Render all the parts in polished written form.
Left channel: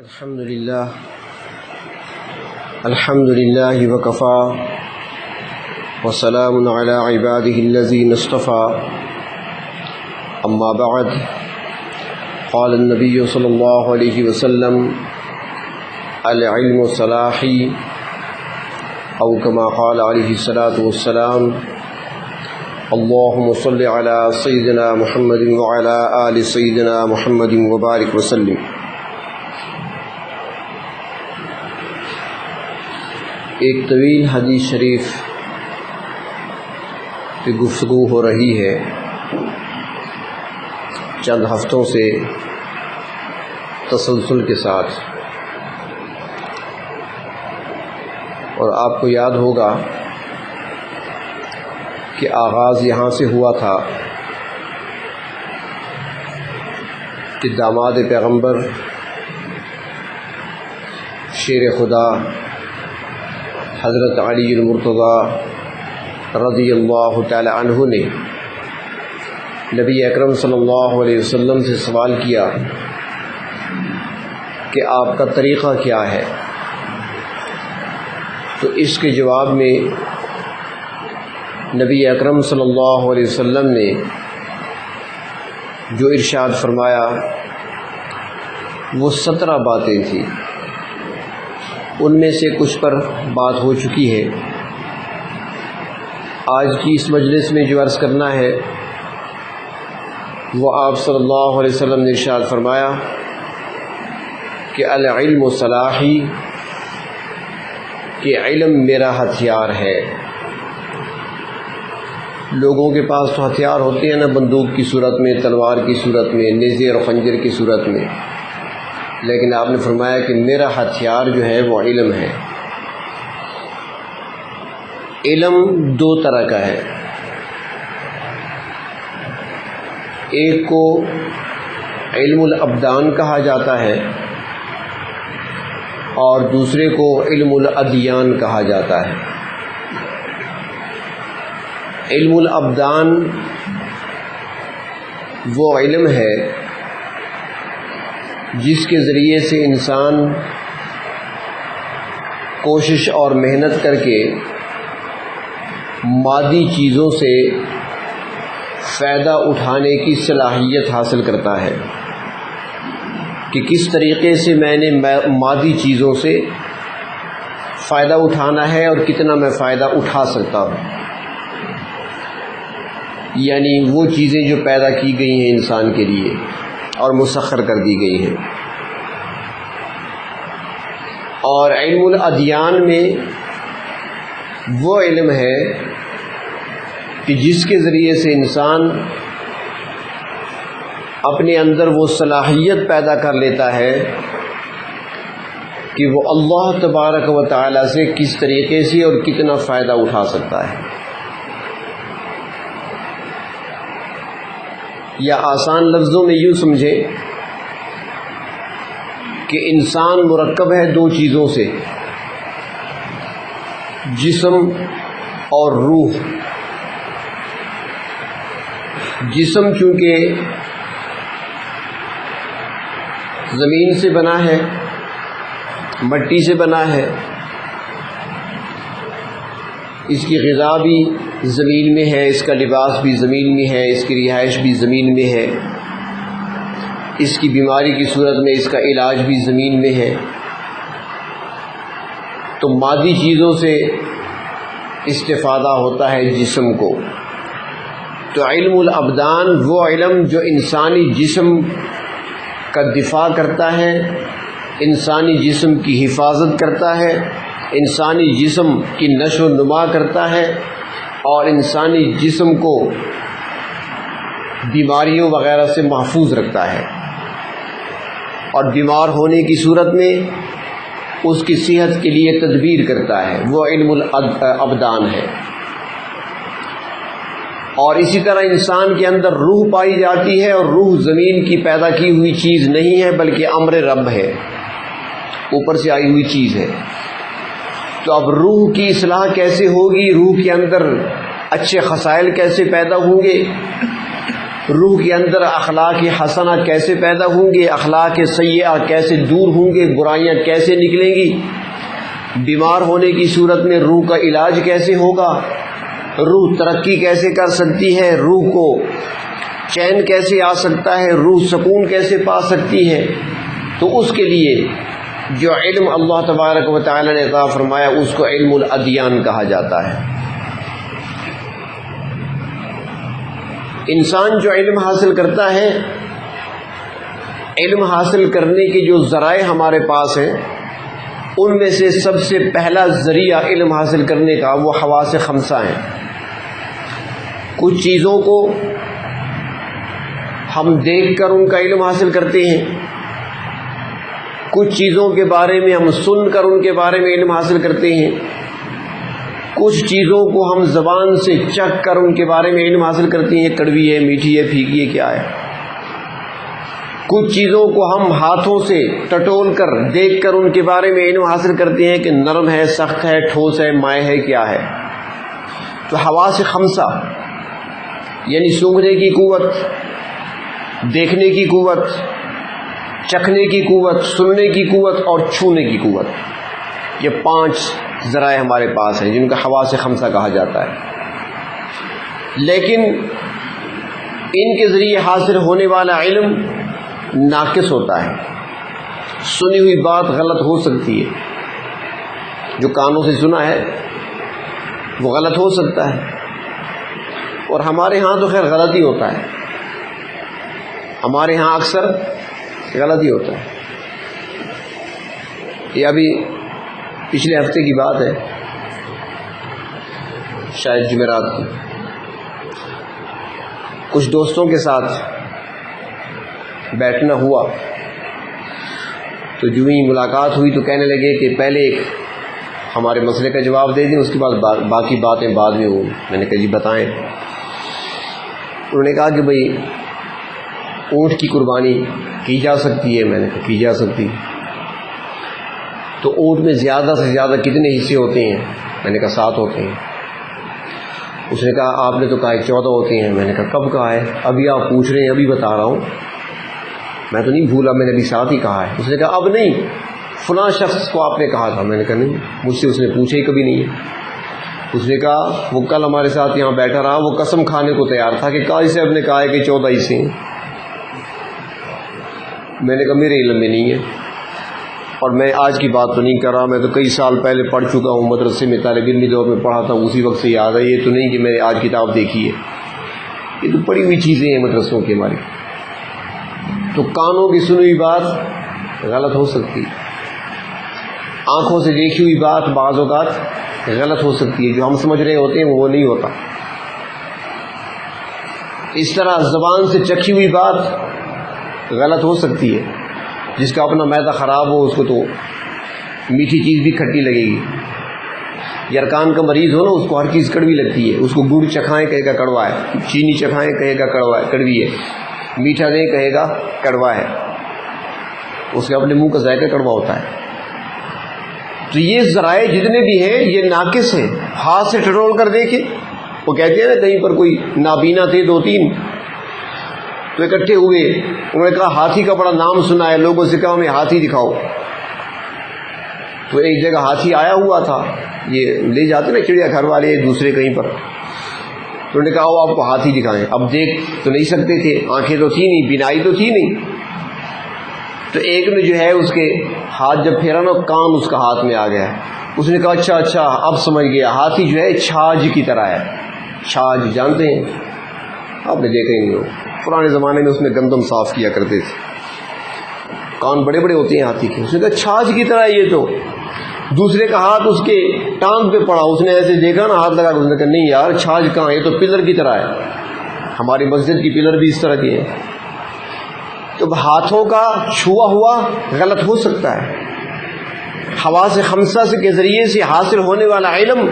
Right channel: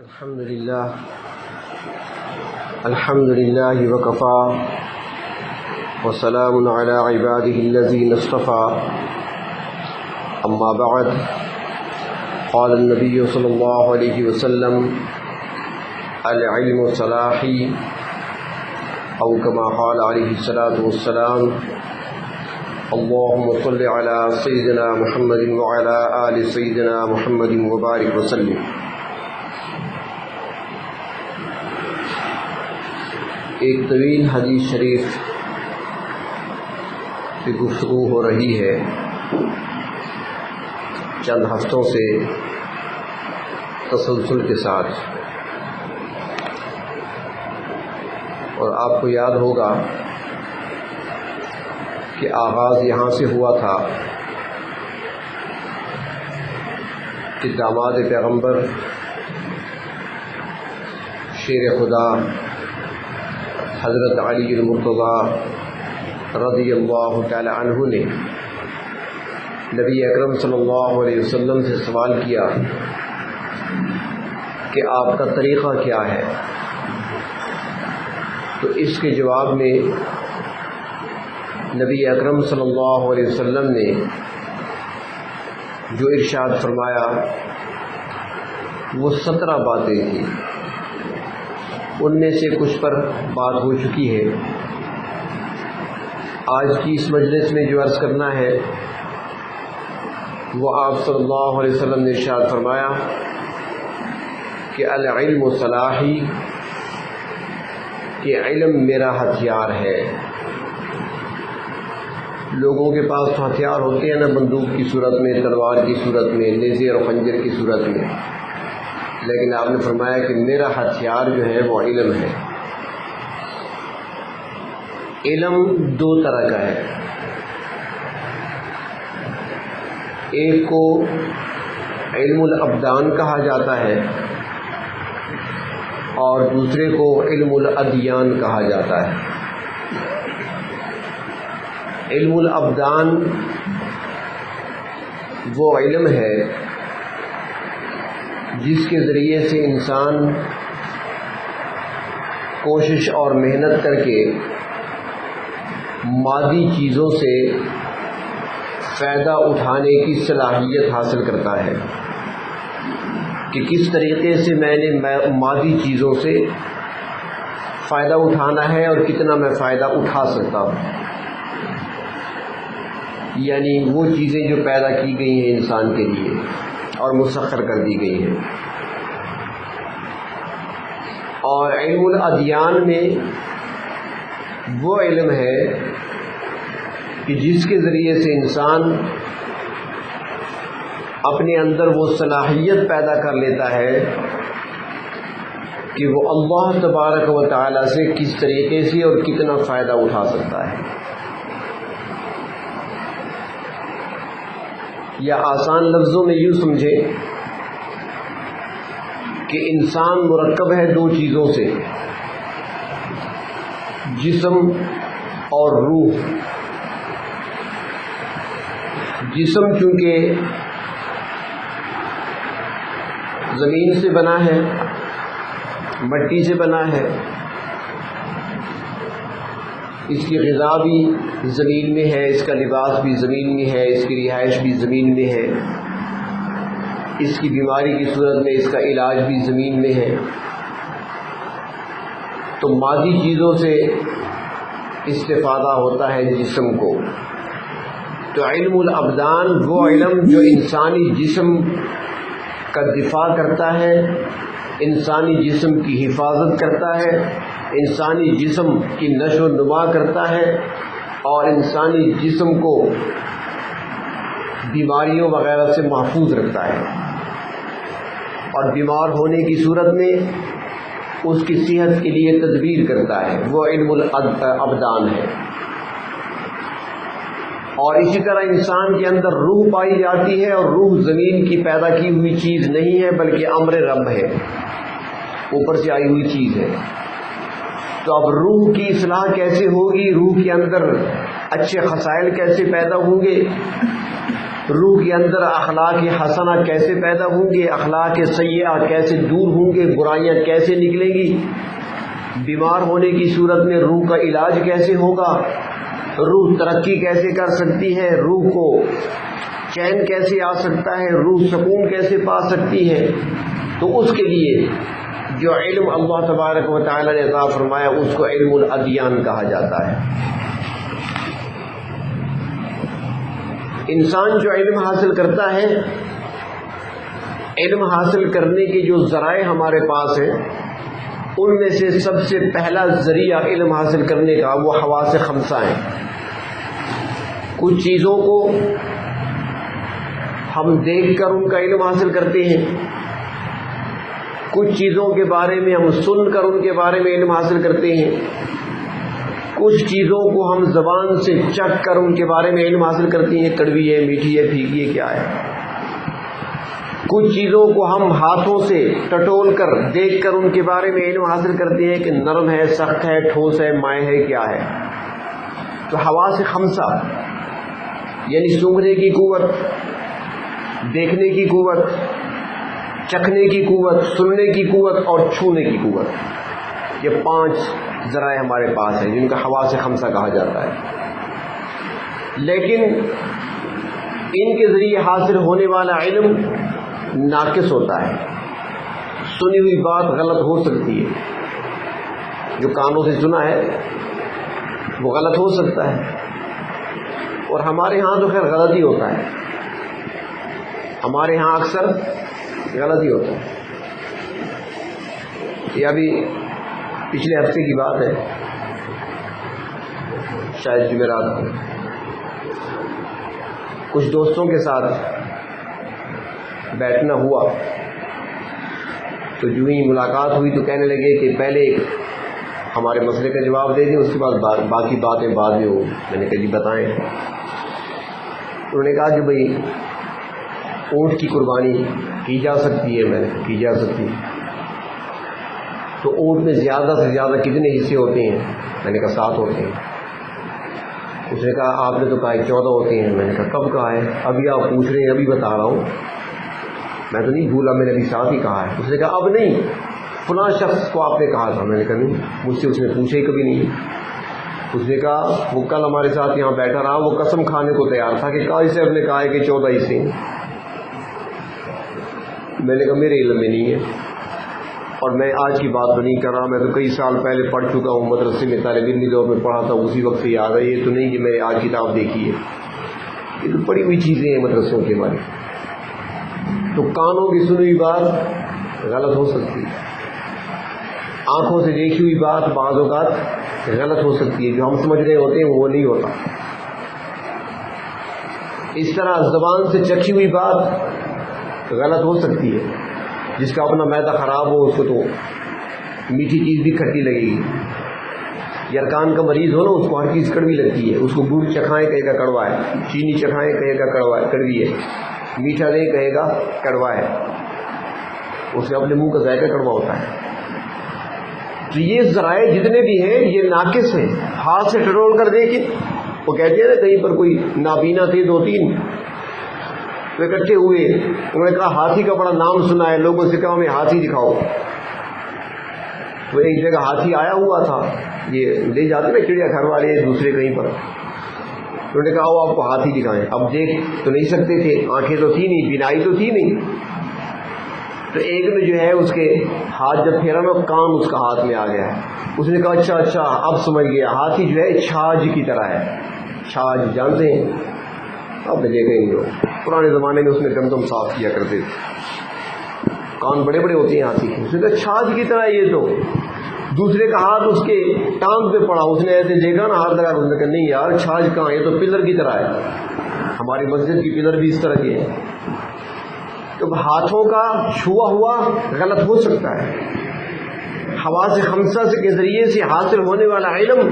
الحمد لله وكفى وسلام على عباده الذين اصطفى أما بعد قال النبي صلى الله عليه وسلم العلم صلاحي أو كما قال عليه الصلاة والسلام اللهم صل على سيدنا محمد وعلى آل سيدنا محمد وبارك وسلم۔ ایک طویل حدیث شریف کی گفتگو ہو رہی ہے چند ہفتوں سے تسلسل کے ساتھ، اور آپ کو یاد ہوگا کہ آغاز یہاں سے ہوا تھا کہ داماد پیغمبر شیر خدا حضرت علی المرتضیٰ رضی اللہ تعالی عنہ نے نبی اکرم صلی اللہ علیہ وسلم سے سوال کیا کہ آپ کا طریقہ کیا ہے، تو اس کے جواب میں نبی اکرم صلی اللہ علیہ وسلم نے جو ارشاد فرمایا وہ 17 باتیں تھیں، ان میں سے کچھ پر بات ہو چکی ہے۔ آج کی اس مجلس میں جو عرض کرنا ہے وہ آپ صلی اللہ علیہ وسلم نے ارشاد فرمایا کہ العلم صلاحی، کہ علم میرا ہتھیار ہے۔ لوگوں کے پاس تو ہتھیار ہوتے ہیں نا، بندوق کی صورت میں، تلوار کی صورت میں، نیزے اور خنجر کی صورت میں، لیکن آپ نے فرمایا کہ میرا ہتھیار جو ہے وہ علم ہے۔ علم 2 طرح کا ہے، ایک کو علم الابدان کہا جاتا ہے اور دوسرے کو علم الادیان کہا جاتا ہے۔ علم الابدان وہ علم ہے جس کے ذریعے سے انسان کوشش اور محنت کر کے مادی چیزوں سے فائدہ اٹھانے کی صلاحیت حاصل کرتا ہے کہ کس طریقے سے میں نے مادی چیزوں سے فائدہ اٹھانا ہے اور کتنا میں فائدہ اٹھا سکتا ہوں، یعنی وہ چیزیں جو پیدا کی گئی ہیں انسان کے لیے اور مسخر کر دی گئی ہیں۔ اور علم الادیان میں وہ علم ہے کہ جس کے ذریعے سے انسان اپنے اندر وہ صلاحیت پیدا کر لیتا ہے کہ وہ اللہ تبارک و تعالی سے کس طریقے سے اور کتنا فائدہ اٹھا سکتا ہے۔ یا آسان لفظوں میں یوں سمجھیں کہ انسان مرکب ہے 2 چیزوں سے، جسم اور روح۔ جسم چونکہ زمین سے بنا ہے، مٹی سے بنا ہے، اس کی غذا بھی زمین میں ہے، اس کا لباس بھی زمین میں ہے، اس کی رہائش بھی زمین میں ہے، اس کی بیماری کی صورت میں اس کا علاج بھی زمین میں ہے۔ تو مادی چیزوں سے استفادہ ہوتا ہے جسم کو۔ تو علم الابدان وہ علم جو انسانی جسم کا دفاع کرتا ہے، انسانی جسم کی حفاظت کرتا ہے، انسانی جسم کی نشو و نما کرتا ہے اور انسانی جسم کو بیماریوں وغیرہ سے محفوظ رکھتا ہے، اور بیمار ہونے کی صورت میں اس کی صحت کے لیے تدبیر کرتا ہے، وہ علم الابدان ہے۔ اور اسی طرح انسان کے اندر روح پائی جاتی ہے، اور روح زمین کی پیدا کی ہوئی چیز نہیں ہے بلکہ امر رب ہے، اوپر سے آئی ہوئی چیز ہے۔ تو اب روح کی اصلاح کیسے ہوگی، روح کے اندر اچھے خصائل کیسے پیدا ہوں گے، روح کے اندر اخلاق حسنہ کیسے پیدا ہوں گے، اخلاق سیئہ کیسے دور ہوں گے، برائیاں کیسے نکلیں گی، بیمار ہونے کی صورت میں روح کا علاج کیسے ہوگا، روح ترقی کیسے کر سکتی ہے، روح کو چین کیسے آ سکتا ہے، روح سکون کیسے پا سکتی ہے. تو اس کے لیے جو علم اللہ تبارک و تعالی نے عطا فرمایا اس کو علم الادیان کہا جاتا ہے. انسان جو علم حاصل کرتا ہے، علم حاصل کرنے کے جو ذرائع ہمارے پاس ہیں ان میں سے سب سے پہلا ذریعہ علم حاصل کرنے کا وہ حواس خمسہ ہیں. کچھ چیزوں کو ہم دیکھ کر ان کا علم حاصل کرتے ہیں، کچھ چیزوں کے بارے میں ہم سن کر ان کے بارے میں علم حاصل کرتے ہیں، کچھ چیزوں کو ہم زبان سے چکھ کر ان کے بارے میں علم حاصل کرتے ہیں، کڑوی ہے، میٹھی ہے، پھیکی ہے، کیا ہے. کچھ چیزوں کو ہم ہاتھوں سے ٹٹول کر دیکھ کر ان کے بارے میں علم حاصل کرتے ہیں کہ نرم ہے، سخت ہے، ٹھوس ہے، مائع ہے، کیا ہے. تو حواس خمسہ یعنی سونگھنے کی قوت، دیکھنے کی قوت، چکھنے کی قوت، سننے کی قوت اور چھونے کی قوت، یہ 5 ذرائع ہمارے پاس ہیں جن کا حواس خمسہ کہا جاتا ہے. لیکن ان کے ذریعے حاصل ہونے والا علم ناقص ہوتا ہے. سنی ہوئی بات غلط ہو سکتی ہے، جو کانوں سے سنا ہے وہ غلط ہو سکتا ہے، اور ہمارے ہاں تو خیر غلط ہی ہوتا ہے، ہمارے ہاں اکثر غلط ہی ہوتا ہے. یہ ابھی پچھلے ہفتے کی بات ہے، شاید جمعرات کو کچھ دوستوں کے ساتھ بیٹھنا ہوا تو جو ہی ملاقات ہوئی تو کہنے لگے کہ پہلے ہمارے مسئلے کا جواب دے دیں، اس کے بعد باقی باتیں بعد میں ہوں. میں نے کہا جی بتائیں. انہوں نے کہا کہ بھئی اونٹ کی قربانی کی جا سکتی ہے. میں نے کہا کی جا سکتی ہے. تو اونٹ میں زیادہ سے زیادہ کتنے حصے ہوتے ہیں؟ میں نے کہا 7 ہوتے ہیں. اس نے کہا آپ نے تو کہا 14 ہوتے ہیں. میں نے کہا کب کہا ہے؟ ابھی آپ پوچھ رہے ہیں، ابھی بتا رہا ہوں، میں تو نہیں بھولا، میں نے ابھی 7 ہی کہا ہے. اس نے کہا اب نہیں، فلاں شخص کو آپ نے کہا تھا. میں نے کہا نہیں، مجھ سے اس نے پوچھا ہی کبھی نہیں ہے. اس نے کہا وہ کل ہمارے ساتھ یہاں بیٹھا رہا، وہ قسم کھانے کو تیار تھا کہ قاضی صاحب نے کہا ہے کہ 14 حصے ہیں. میں نے کہا میرے علم میں نہیں ہے، اور میں آج کی بات تو نہیں کر رہا، میں تو کئی سال پہلے پڑھ چکا ہوں، مدرسے میں طالب علمی دور میں پڑھا تھا، اسی وقت سے یاد ہے. یہ تو نہیں کہ میں نے آج کتاب دیکھی ہے، یہ تو پڑھی ہوئی چیزیں ہیں مدرسوں کے ہمارے. تو کانوں کی سنی ہوئی بات غلط ہو سکتی ہے، آنکھوں سے دیکھی ہوئی بات بعض اوقات غلط ہو سکتی ہے، جو ہم سمجھ رہے ہوتے ہیں وہ نہیں ہوتا. اس طرح زبان سے چکھی ہوئی بات غلط ہو سکتی ہے. جس کا اپنا معدہ خراب ہو اس کو تو میٹھی چیز بھی کھٹی لگے گی. یرکان کا مریض ہو نا، اس کو ہر چیز کڑوی لگتی ہے. اس کو گڑ چکھائیں کہے گا کڑوا ہے، چینی چکھائیں کہے گا کڑوا ہے، کڑوی ہے، میٹھا دیں کہے گا کڑوا ہے. اس کے اپنے منہ کا ذائقہ کڑوا ہوتا ہے. تو یہ ذرائع جتنے بھی ہیں یہ ناقص ہیں. ہاتھ سے ٹٹول کر دیکھیں، وہ کہتے ہیں نا کہیں پر کوئی نابینا تھے 2-3 تو اکٹھے ہوئے، انہوں نے کہا ہاتھی کا بڑا نام سنا ہے، لوگوں سے کہا ہمیں ہاتھی دکھاؤ. تو ایک جگہ ہاتھی آیا ہوا تھا، یہ لے جاتے نا چڑیا گھر والے دوسرے کہیں پر. تو انہوں نے کہا وہ آپ کو ہاتھی دکھائیں. اب دیکھ تو نہیں سکتے تھے، آنکھیں تو تھی نہیں، بینائی تو تھی نہیں. تو ایک نے جو ہے اس کے ہاتھ جب پھیرا نا، کان اس کا ہاتھ میں آ گیا. اس نے کہا اچھا اب سمجھ گیا، ہاتھی جو ہے چھاج کی طرح ہے. چھاج جانتے ہیں آپ نے؟ دیکھیں گے پرانے زمانے میں اس میں گندم صاف کیا کرتے تھے، کان بڑے بڑے ہوتے ہیں ہاتھی کے. اس نے کہا چھاج کی طرح یہ تو. دوسرے کا ہاتھ اس کے ٹانگ پہ پڑا، اس نے ایسے دیکھا نا ہاتھ لگا، اس نے کہا نہیں یار چھاج کہاں، یہ تو پلر کی طرح ہے. ہماری مسجد کی پلر بھی اس طرح کی ہے. تو ہاتھوں کا چھوا ہوا غلط ہو سکتا ہے. حواس خمسہ کے ذریعے سے حاصل ہونے والا علم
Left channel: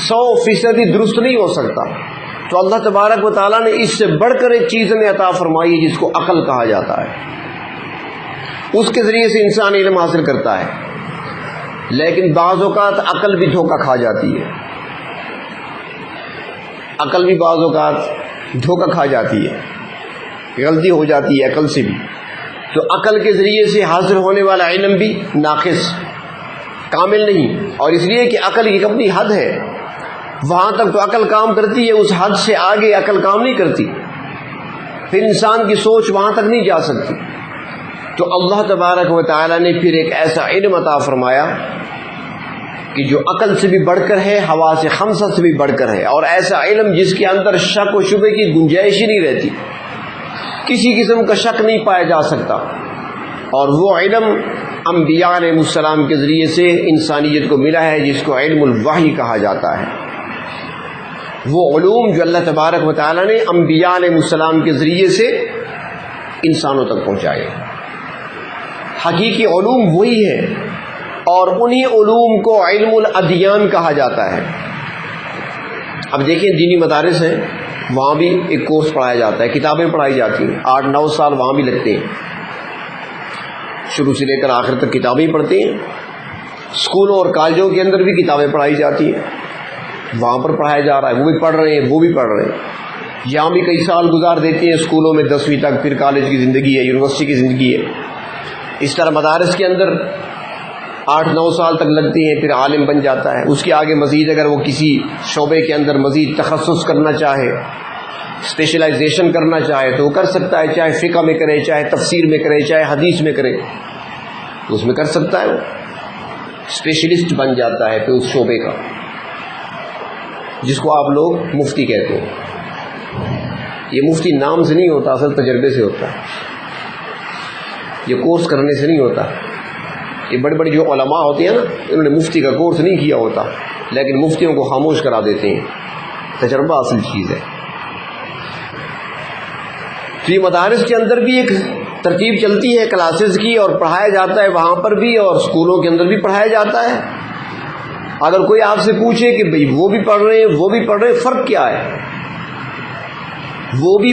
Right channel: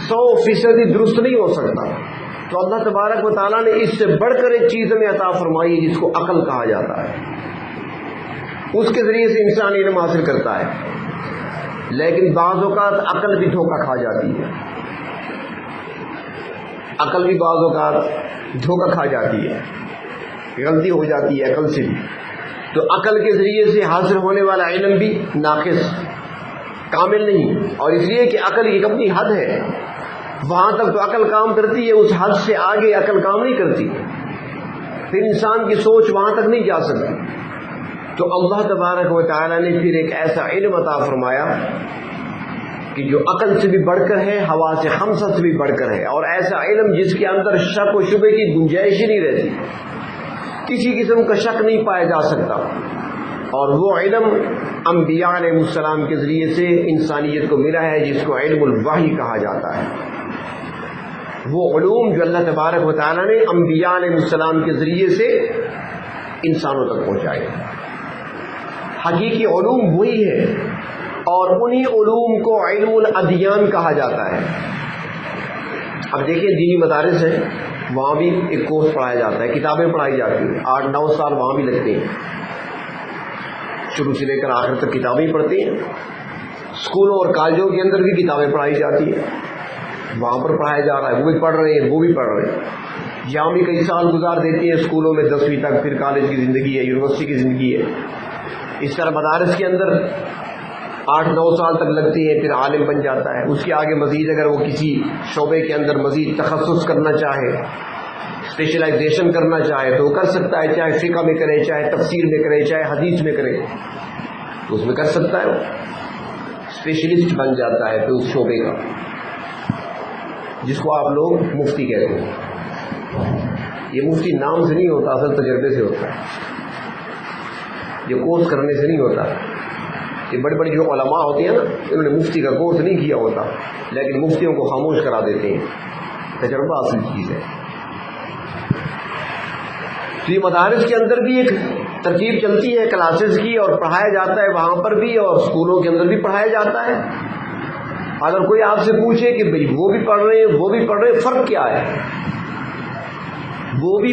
100% درست نہیں ہو سکتا. تو اللہ تبارک و تعالیٰ نے اس سے بڑھ کر ایک چیز ہمیں عطا فرمائی ہے جس کو عقل کہا جاتا ہے. اس کے ذریعے سے انسان علم حاصل کرتا ہے. لیکن بعض اوقات عقل بھی دھوکہ کھا جاتی ہے، عقل بھی بعض اوقات دھوکہ کھا جاتی ہے. غلطی ہو جاتی ہے عقل سے بھی، تو عقل کے ذریعے سے حاصل ہونے والا علم بھی ناقص، کامل نہیں، اور اس لیے کہ عقل کی اپنی حد ہے، وہاں تک تو عقل کام کرتی ہے، اس حد سے آگے عقل کام نہیں کرتی، پھر انسان کی سوچ وہاں تک نہیں جا سکتی۔ تو اللہ تبارک و تعالیٰ نے پھر ایک ایسا علم عطا فرمایا کہ جو عقل سے بھی بڑھ کر ہے، حواس خمسہ سے بھی بڑھ کر ہے، اور ایسا علم جس کے اندر شک و شبہ کی گنجائش ہی نہیں رہتی، کسی قسم کا شک نہیں پایا جا سکتا، اور وہ علم انبیاء علیہ السلام کے ذریعے سے انسانیت کو ملا ہے، جس کو علم الوحی کہا جاتا ہے۔ وہ علوم جو اللہ تبارک و تعالیٰ نے انبیاء علیہ السلام کے ذریعے سے انسانوں تک پہنچائے، حقیقی علوم وہی ہے، اور انہی علوم کو علم الادیان کہا جاتا ہے۔ اب دیکھیں دینی مدارس ہیں، وہاں بھی ایک کورس پڑھایا جاتا ہے، کتابیں پڑھائی جاتی ہیں، 8-9 سال وہاں بھی لگتے ہیں، شروع سے لے کر آخر تک کتابیں پڑھتے ہیں۔ اسکولوں اور کالجوں کے اندر بھی کتابیں پڑھائی جاتی ہیں، وہاں پر پڑھایا جا رہا ہے، وہ بھی پڑھ رہے ہیں، وہ بھی پڑھ رہے ہیں، یہاں بھی کئی سال گزار دیتے ہیں اسکولوں میں 10ویں تک، پھر کالج کی زندگی ہے، یونیورسٹی کی زندگی ہے، اس طرح مدارس کے اندر 8-9 سال تک لگتی ہیں، پھر عالم بن جاتا ہے۔ اس کے آگے مزید اگر وہ کسی شعبے کے اندر مزید تخصص کرنا چاہے، اسپیشلائزیشن کرنا چاہے تو وہ کر سکتا ہے، چاہے فقہ میں کرے، چاہے تفسیر میں کرے، چاہے حدیث میں کرے، تو اس میں کر سکتا ہے، اسپیشلسٹ بن جاتا ہے پھر اس شعبے کا، جس کو آپ لوگ مفتی کہتے ہیں۔ یہ مفتی نام سے نہیں ہوتا، اصل تجربے سے ہوتا ہے، یہ کورس کرنے سے نہیں ہوتا۔ یہ بڑی بڑی جو علماء ہوتی ہیں نا، انہوں نے مفتی کا کورس نہیں کیا ہوتا، لیکن مفتیوں کو خاموش کرا دیتے ہیں، تجربہ اصل چیز ہے۔ تو یہ مدارس کے اندر بھی ایک ترتیب چلتی ہے کلاسز کی، اور پڑھایا جاتا ہے وہاں پر بھی، اور اسکولوں کے اندر بھی پڑھایا جاتا ہے۔ اگر کوئی آپ سے پوچھے کہ بھئی وہ بھی پڑھ رہے ہیں وہ بھی پڑھ رہے ہیں، فرق کیا ہے؟ وہ بھی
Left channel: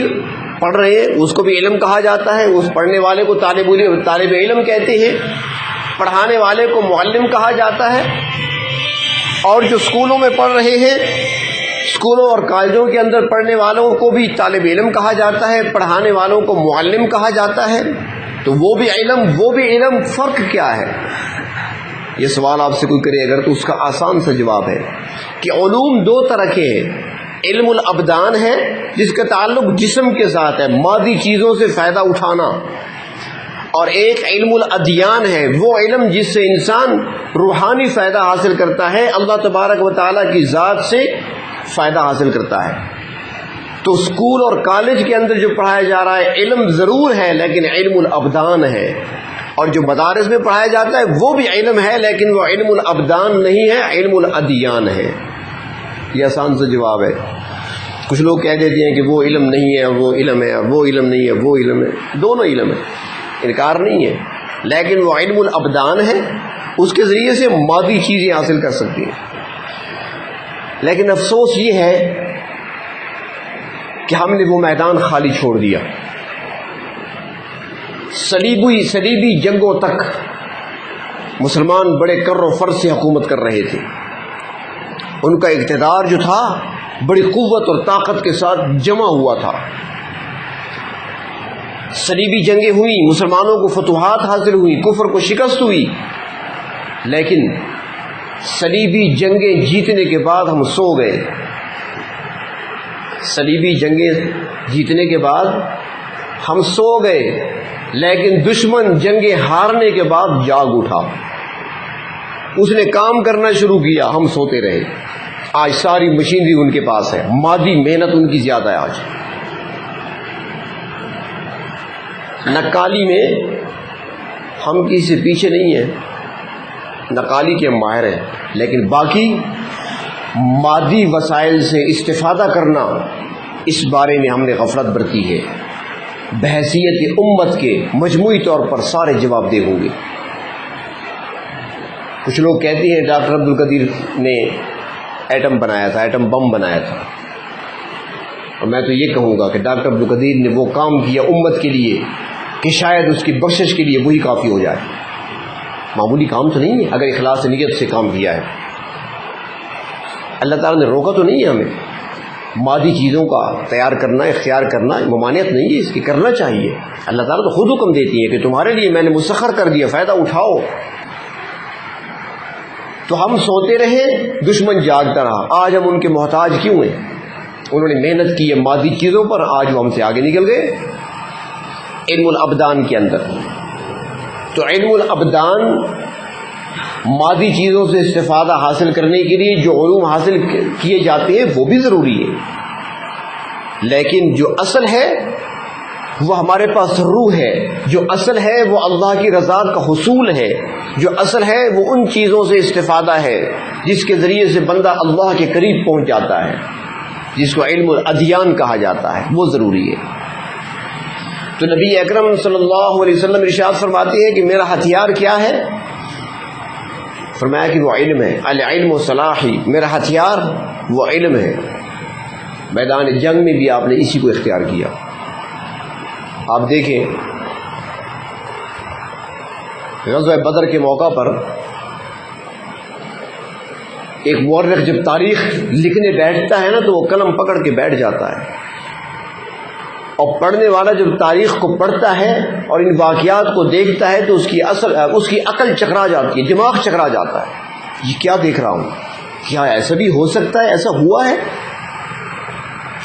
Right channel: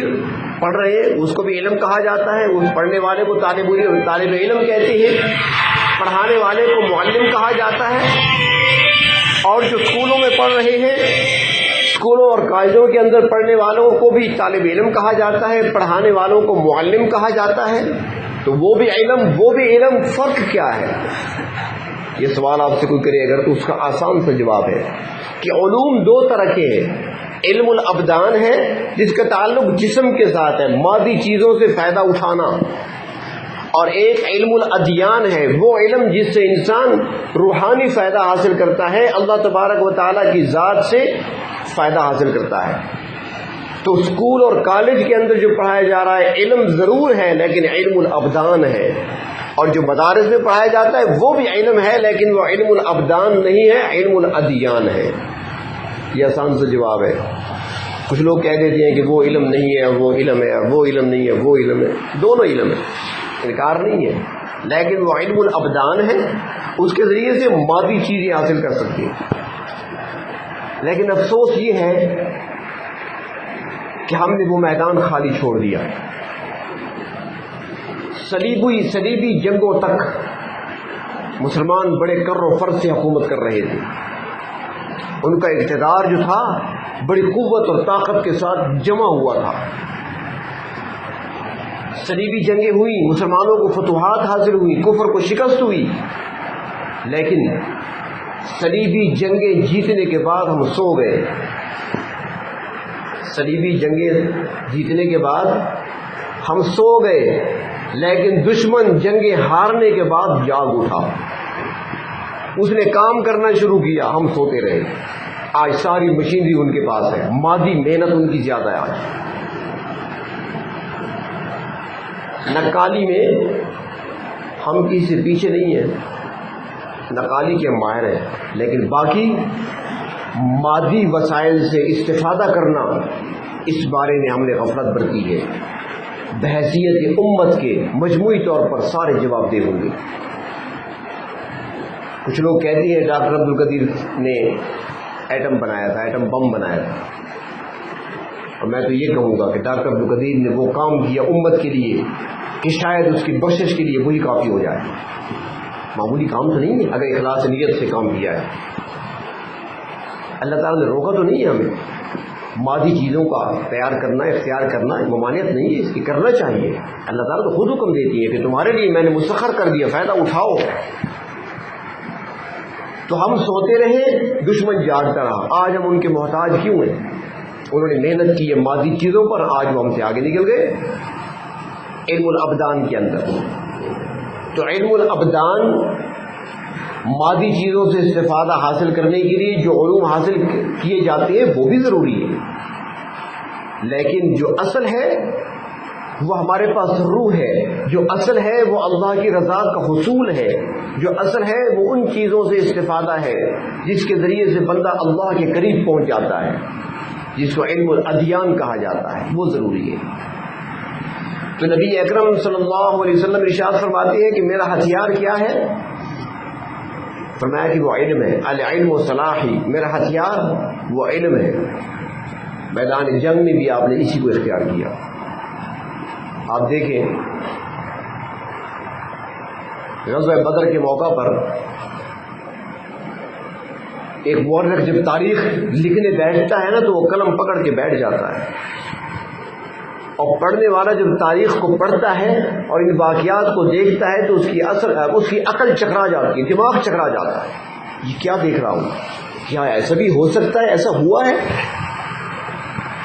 پڑھ رہے ہیں، اس کو بھی علم کہا جاتا ہے، اس پڑھنے والے کو طالب علم کہتے ہیں، پڑھانے والے کو معلم کہا جاتا ہے، اور جو اسکولوں میں پڑھ رہے ہیں، اسکولوں اور کالجوں کے اندر پڑھنے والوں کو بھی طالب علم کہا جاتا ہے، پڑھانے والوں کو معلم کہا جاتا ہے۔ تو وہ بھی علم، فرق کیا ہے؟ یہ سوال آپ سے کوئی کرے اگر تو اس کا آسان سا جواب ہے کہ علوم 2 طرح کے ہیں۔ علم الابدان ہے جس کا تعلق جسم کے ساتھ ہے، مادی چیزوں سے فائدہ اٹھانا، اور ایک علم الادیان ہے، وہ علم جس سے انسان روحانی فائدہ حاصل کرتا ہے، اللہ تبارک و تعالیٰ کی ذات سے فائدہ حاصل کرتا ہے۔ تو اسکول اور کالج کے اندر جو پڑھایا جا رہا ہے علم ضرور ہے، لیکن علم الابدان ہے، اور جو مدارس میں پڑھایا جاتا ہے وہ بھی علم ہے، لیکن وہ علم الابدان نہیں ہے، علم الادیان ہے۔ یہ آسان سا جواب ہے۔ کچھ لوگ کہہ دیتے ہیں کہ وہ علم نہیں ہے، وہ علم ہے، وہ علم نہیں ہے، وہ علم ہے، دونوں علم ہے، انکار نہیں ہے، لیکن وہ علم الابدان ہے، اس کے ذریعے سے مادی چیزیں حاصل کر سکتے ہیں۔ لیکن افسوس یہ ہے کہ ہم نے وہ میدان خالی چھوڑ دیا۔ صلیبی جنگوں تک مسلمان بڑے کر و فر سے حکومت کر رہے تھے، ان کا اقتدار جو تھا بڑی قوت اور طاقت کے ساتھ جمع ہوا تھا۔ صلیبی جنگیں ہوئی، مسلمانوں کو فتوحات حاصل ہوئی، کفر کو شکست ہوئی، لیکن صلیبی جنگیں جیتنے کے بعد ہم سو گئے۔ صلیبی جنگیں جیتنے کے بعد ہم سو گئے، لیکن دشمن جنگیں ہارنے کے بعد جاگ اٹھا، اس نے کام کرنا شروع کیا، ہم سوتے رہے۔ آج ساری مشینری ان کے پاس ہے، مادی محنت ان کی زیادہ ہے۔ آج نقالی میں ہم کسی سے پیچھے نہیں ہیں، نقالی کے ماہر ہیں، لیکن باقی مادی وسائل سے استفادہ کرنا، اس بارے میں ہم نے غفلت برتی ہے۔ بحیثیت امت کے مجموعی طور پر سارے جواب دہ ہوں گے۔ کچھ لوگ کہتے ہیں ڈاکٹر عبدالقدیر نے ایٹم بنایا تھا، ایٹم بم بنایا تھا، اور میں تو یہ کہوں گا کہ ڈاکٹر عبدالقدیر نے وہ کام کیا امت کے لیے کہ شاید اس کی بخشش کے لیے وہی کافی ہو جائے۔ معمولی کام تو نہیں ہے، اگر اخلاص نیت سے کام کیا ہے۔ اللہ تعالیٰ نے روکا تو نہیں ہے ہمیں، مادی چیزوں کا تیار کرنا، اختیار کرنا ممانعت نہیں ہے، اس کی کرنا چاہیے۔ اللہ تعالیٰ تو خود حکم دیتی ہے کہ تمہارے لیے میں نے مسخر کر دیا، فائدہ اٹھاؤ۔ تو ہم سوتے رہے، دشمن جاگتا رہا، آج ہم ان کے محتاج کیوں ہیں؟ انہوں نے محنت کی ہے مادی چیزوں پر، آج وہ ہم سے آگے نکل گئے۔ علم الابدان کے اندر تو علم الابدان مادی چیزوں سے استفادہ حاصل کرنے کے لیے جو علوم حاصل کیے جاتے ہیں وہ بھی ضروری ہے، لیکن جو اصل ہے وہ ہمارے پاس روح ہے، جو اصل ہے وہ اللہ کی رضا کا حصول ہے، جو اصل ہے وہ ان چیزوں سے استفادہ ہے جس کے ذریعے سے بندہ اللہ کے قریب پہنچ جاتا ہے، جس کو علم الادیان کہا جاتا ہے، وہ ضروری ہے۔ تو نبی اکرم صلی اللہ علیہ وسلم ارشاد فرماتے ہیں کہ میرا ہتھیار کیا ہے؟ فرمایا کہ وہ علم ہے، العلم صلاحی، میرا ہتھیار وہ علم ہے۔ میدان جنگ میں بھی آپ نے اسی کو اختیار کیا۔ آپ دیکھیں غزوہ بدر کے موقع پر ایک مورخ جب تاریخ لکھنے بیٹھتا ہے نا تو وہ قلم پکڑ کے بیٹھ جاتا ہے، اور پڑھنے والا جب تاریخ کو پڑھتا ہے اور ان واقعات کو دیکھتا ہے تو اس کی عقل چکرا جاتی ہے، دماغ چکرا جاتا ہے، یہ کیا دیکھ رہا ہوں، کیا ایسا بھی ہو سکتا ہے، ایسا ہوا ہے؟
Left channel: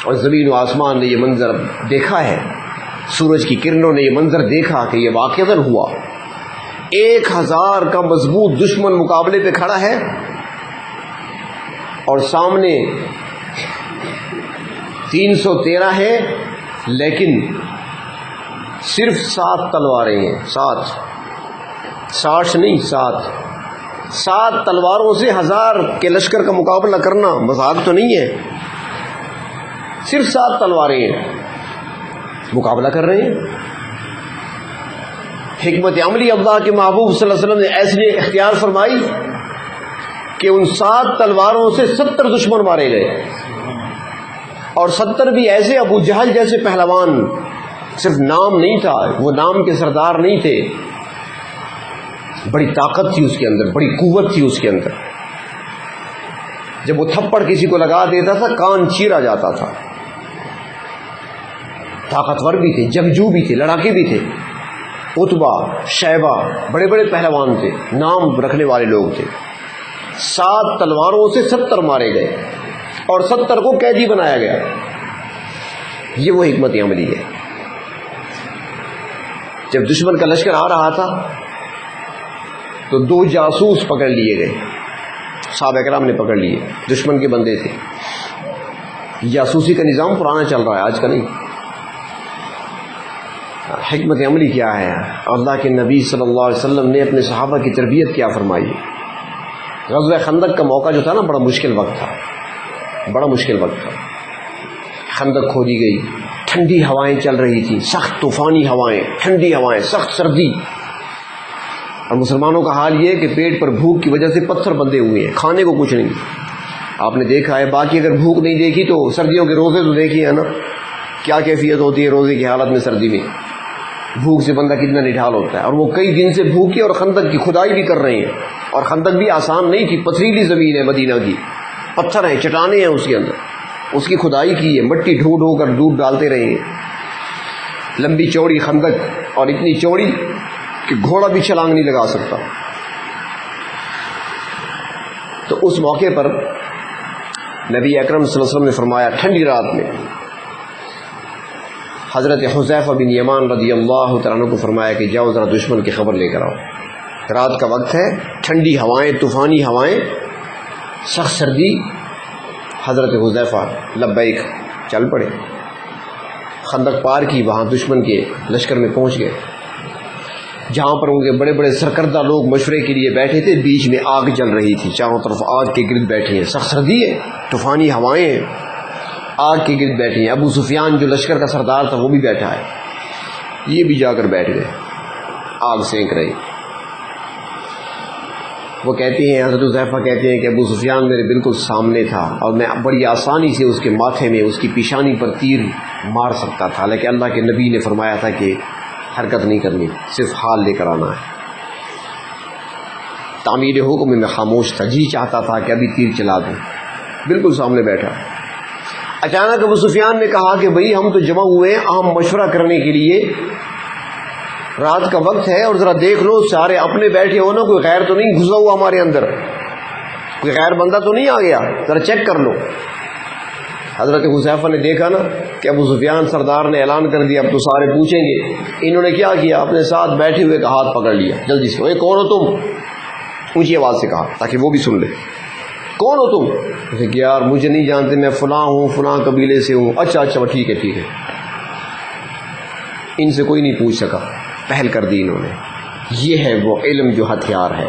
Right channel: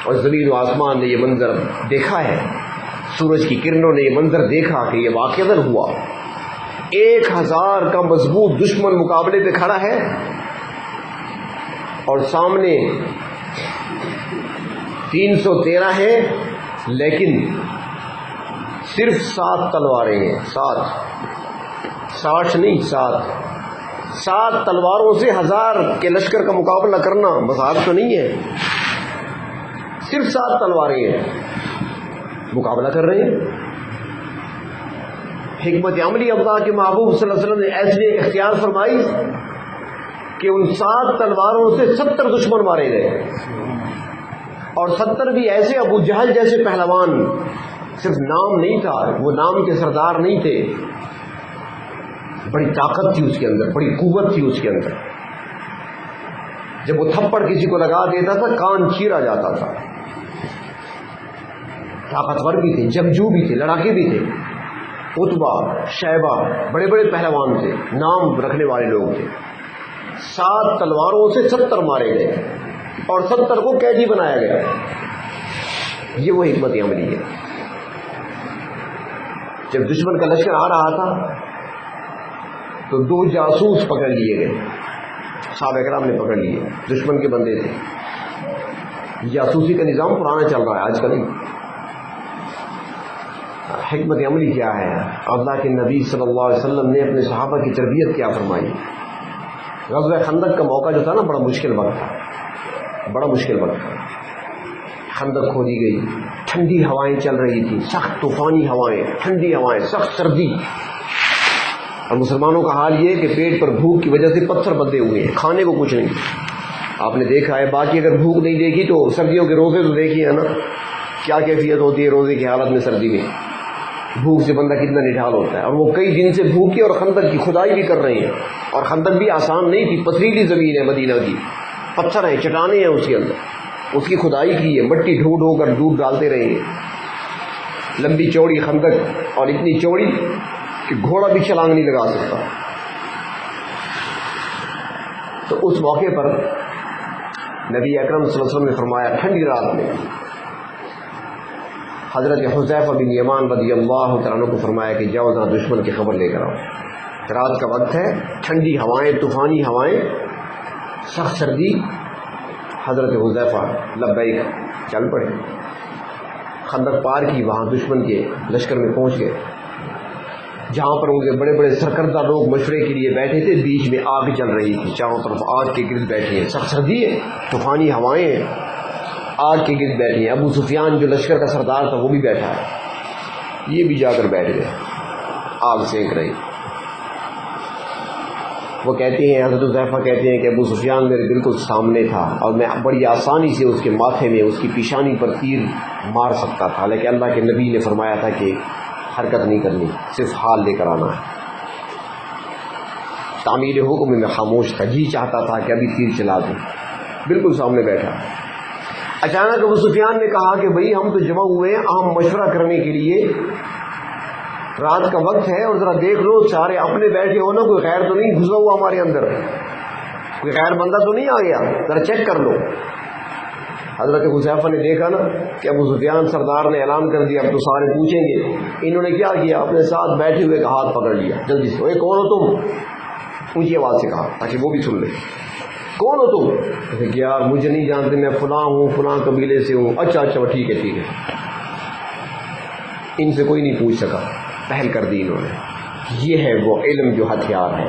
اور زمین و آسمان نے یہ منظر دیکھا ہے، سورج کی کرنوں نے یہ منظر دیکھا کہ یہ واقعتاً ہوا۔ 1000 کا مضبوط دشمن مقابلے پہ کھڑا ہے اور سامنے 313 ہے، لیکن صرف 7 تلواریں ہیں، 60 نہیں، 7 تلواروں سے 1000 کے لشکر کا مقابلہ کرنا مذاق تو نہیں ہے، صرف 7 تلواریں ہیں، مقابلہ کر رہے ہیں۔ حکمت عملی اللہ کے محبوب صلی اللہ علیہ وسلم نے ایسی اختیار فرمائی کہ ان 7 تلواروں سے 70 دشمن مارے گئے، اور 70 بھی ایسے ابو جہل جیسے پہلوان، صرف نام نہیں تھا، وہ نام کے سردار نہیں تھے، بڑی طاقت تھی اس کے اندر، بڑی قوت تھی اس کے اندر۔ جب وہ تھپڑ کسی کو لگا دیتا تھا کان چیرا جاتا تھا۔ طاقتور بھی تھے، جنگجو بھی تھے، لڑاکے بھی تھے، عتبہ، شیبہ، بڑے بڑے پہلوان تھے، نام رکھنے والے لوگ تھے۔ 7 تلواروں سے 70 مارے گئے اور 70 کو قیدی بنایا گیا۔ یہ وہ حکمت عملی ہے۔ جب دشمن کا لشکر آ رہا تھا تو 2 جاسوس پکڑ لیے گئے، صحابہ کرام نے پکڑ لیے، دشمن کے بندے تھے۔ جاسوسی کا نظام پرانا چل رہا ہے، آج کا نہیں۔ حکمت عملی کیا ہے؟ اللہ کے نبی صلی اللہ علیہ وسلم نے اپنے صحابہ کی تربیت کیا فرمائی۔ غزوہ خندق کا موقع جو تھا نا، بڑا مشکل وقت تھا، بڑا مشکل وقت تھا۔ خندق کھودی گئی، ٹھنڈی ہوائیں چل رہی تھی، سخت طوفانی ہوائیں، ٹھنڈی ہوائیں، سخت سردی، اور مسلمانوں کا حال یہ ہے کہ پیٹ پر بھوک کی وجہ سے پتھر بندھے ہوئے ہیں، کھانے کو کچھ نہیں۔ آپ نے دیکھا ہے، باقی اگر بھوک نہیں دیکھی تو سردیوں کے روزے تو دیکھیے نا، کیا کیفیت ہوتی ہے روزے کی حالت میں سردی میں، بھوک سے بندہ کتنا نڈھال ہوتا ہے۔ اور وہ کئی دن سے بھوکے اور خندق کی کھدائی بھی کر رہے ہیں، اور خندق بھی آسان نہیں تھی، پتھریلی زمین ہے مدینہ کی، پتھر ہے، چٹانیں ہیں اس کے اندر، اس کی کھدائی کی ہے، مٹی ڈھو ڈھو کر دودھ ڈالتے رہیں گے۔ لمبی چوڑی خندق، اور اتنی چوڑی کہ گھوڑا بھی چھلانگ نہیں لگا سکتا۔ تو اس موقع پر نبی اکرم صلی اللہ علیہ وسلم نے فرمایا، ٹھنڈی رات میں حضرت حذیفہ بن یمان رضی اللہ تعالیٰ عنہ کو فرمایا کہ جاؤ ذرا دشمن کی خبر لے کر آؤ، رات کا وقت ہے، ٹھنڈی ہوائیں، طوفانی ہوائیں، سخت سردی۔ حضرت حذیفہ لبیک چل پڑے، خندق پار کی، وہاں دشمن کے لشکر میں پہنچ گئے، جہاں پر ان کے بڑے بڑے سرکردہ لوگ مشورے کے لیے بیٹھے تھے۔ بیچ میں آگ جل رہی تھی، چاروں طرف آگ کے گرد بیٹھے ہیں، سخت سردی ہے، طوفانی ہوائیں ہیں، آگ کے گرد بیٹھے ہیں۔ ابو سفیان جو لشکر کا سردار تھا وہ بھی بیٹھا ہے، یہ بھی جا کر بیٹھ گئے، آگ سینک رہی۔ وہ کہتے ہیں، حضرت حذیفہ کہتے ہیں کہ ابو سفیان میرے بالکل سامنے تھا، اور میں بڑی آسانی سے اس کے ماتھے میں، اس کی پیشانی پر تیر مار سکتا تھا، لیکن اللہ کے نبی نے فرمایا تھا کہ حرکت نہیں کرنی، صرف حال لے کر آنا ہے۔ تعمیل حکم میں خاموش تھا، جی چاہتا تھا کہ ابھی تیر چلا دوں، بالکل سامنے بیٹھا۔ اچانک ابو سفیان نے کہا کہ بھئی ہم تو جمع ہوئے ہیں اہم مشورہ کرنے کے لیے، رات کا وقت ہے اور ذرا دیکھ لو سارے اپنے بیٹھے ہو نا، کوئی غیر تو نہیں گھسا ہوا ہمارے اندر، کوئی غیر بندہ تو نہیں آ گیا، ذرا چیک کر لو۔ حضرت حذیفہ نے دیکھا نا کہ ابو سفیان سردار نے اعلان کر دیا اب تو سارے پوچھیں گے، انہوں نے کیا کیا، اپنے ساتھ بیٹھے ہوئے کا ہاتھ پکڑ لیا، جلدی سے، اے کون ہو تم، اونچی آواز سے کہا تاکہ وہ بھی سن لے، کون ہو تم؟ اسے کہ یار مجھے نہیں جانتے، میں فلاں ہوں، فلاں قبیلے سے ہوں۔ اچھا ٹھیک ہے ٹھیک ہے۔ ان سے کوئی نہیں پوچھ سکا، پہل کر دی انہوں نے۔ یہ ہے وہ علم جو ہتھیار ہے،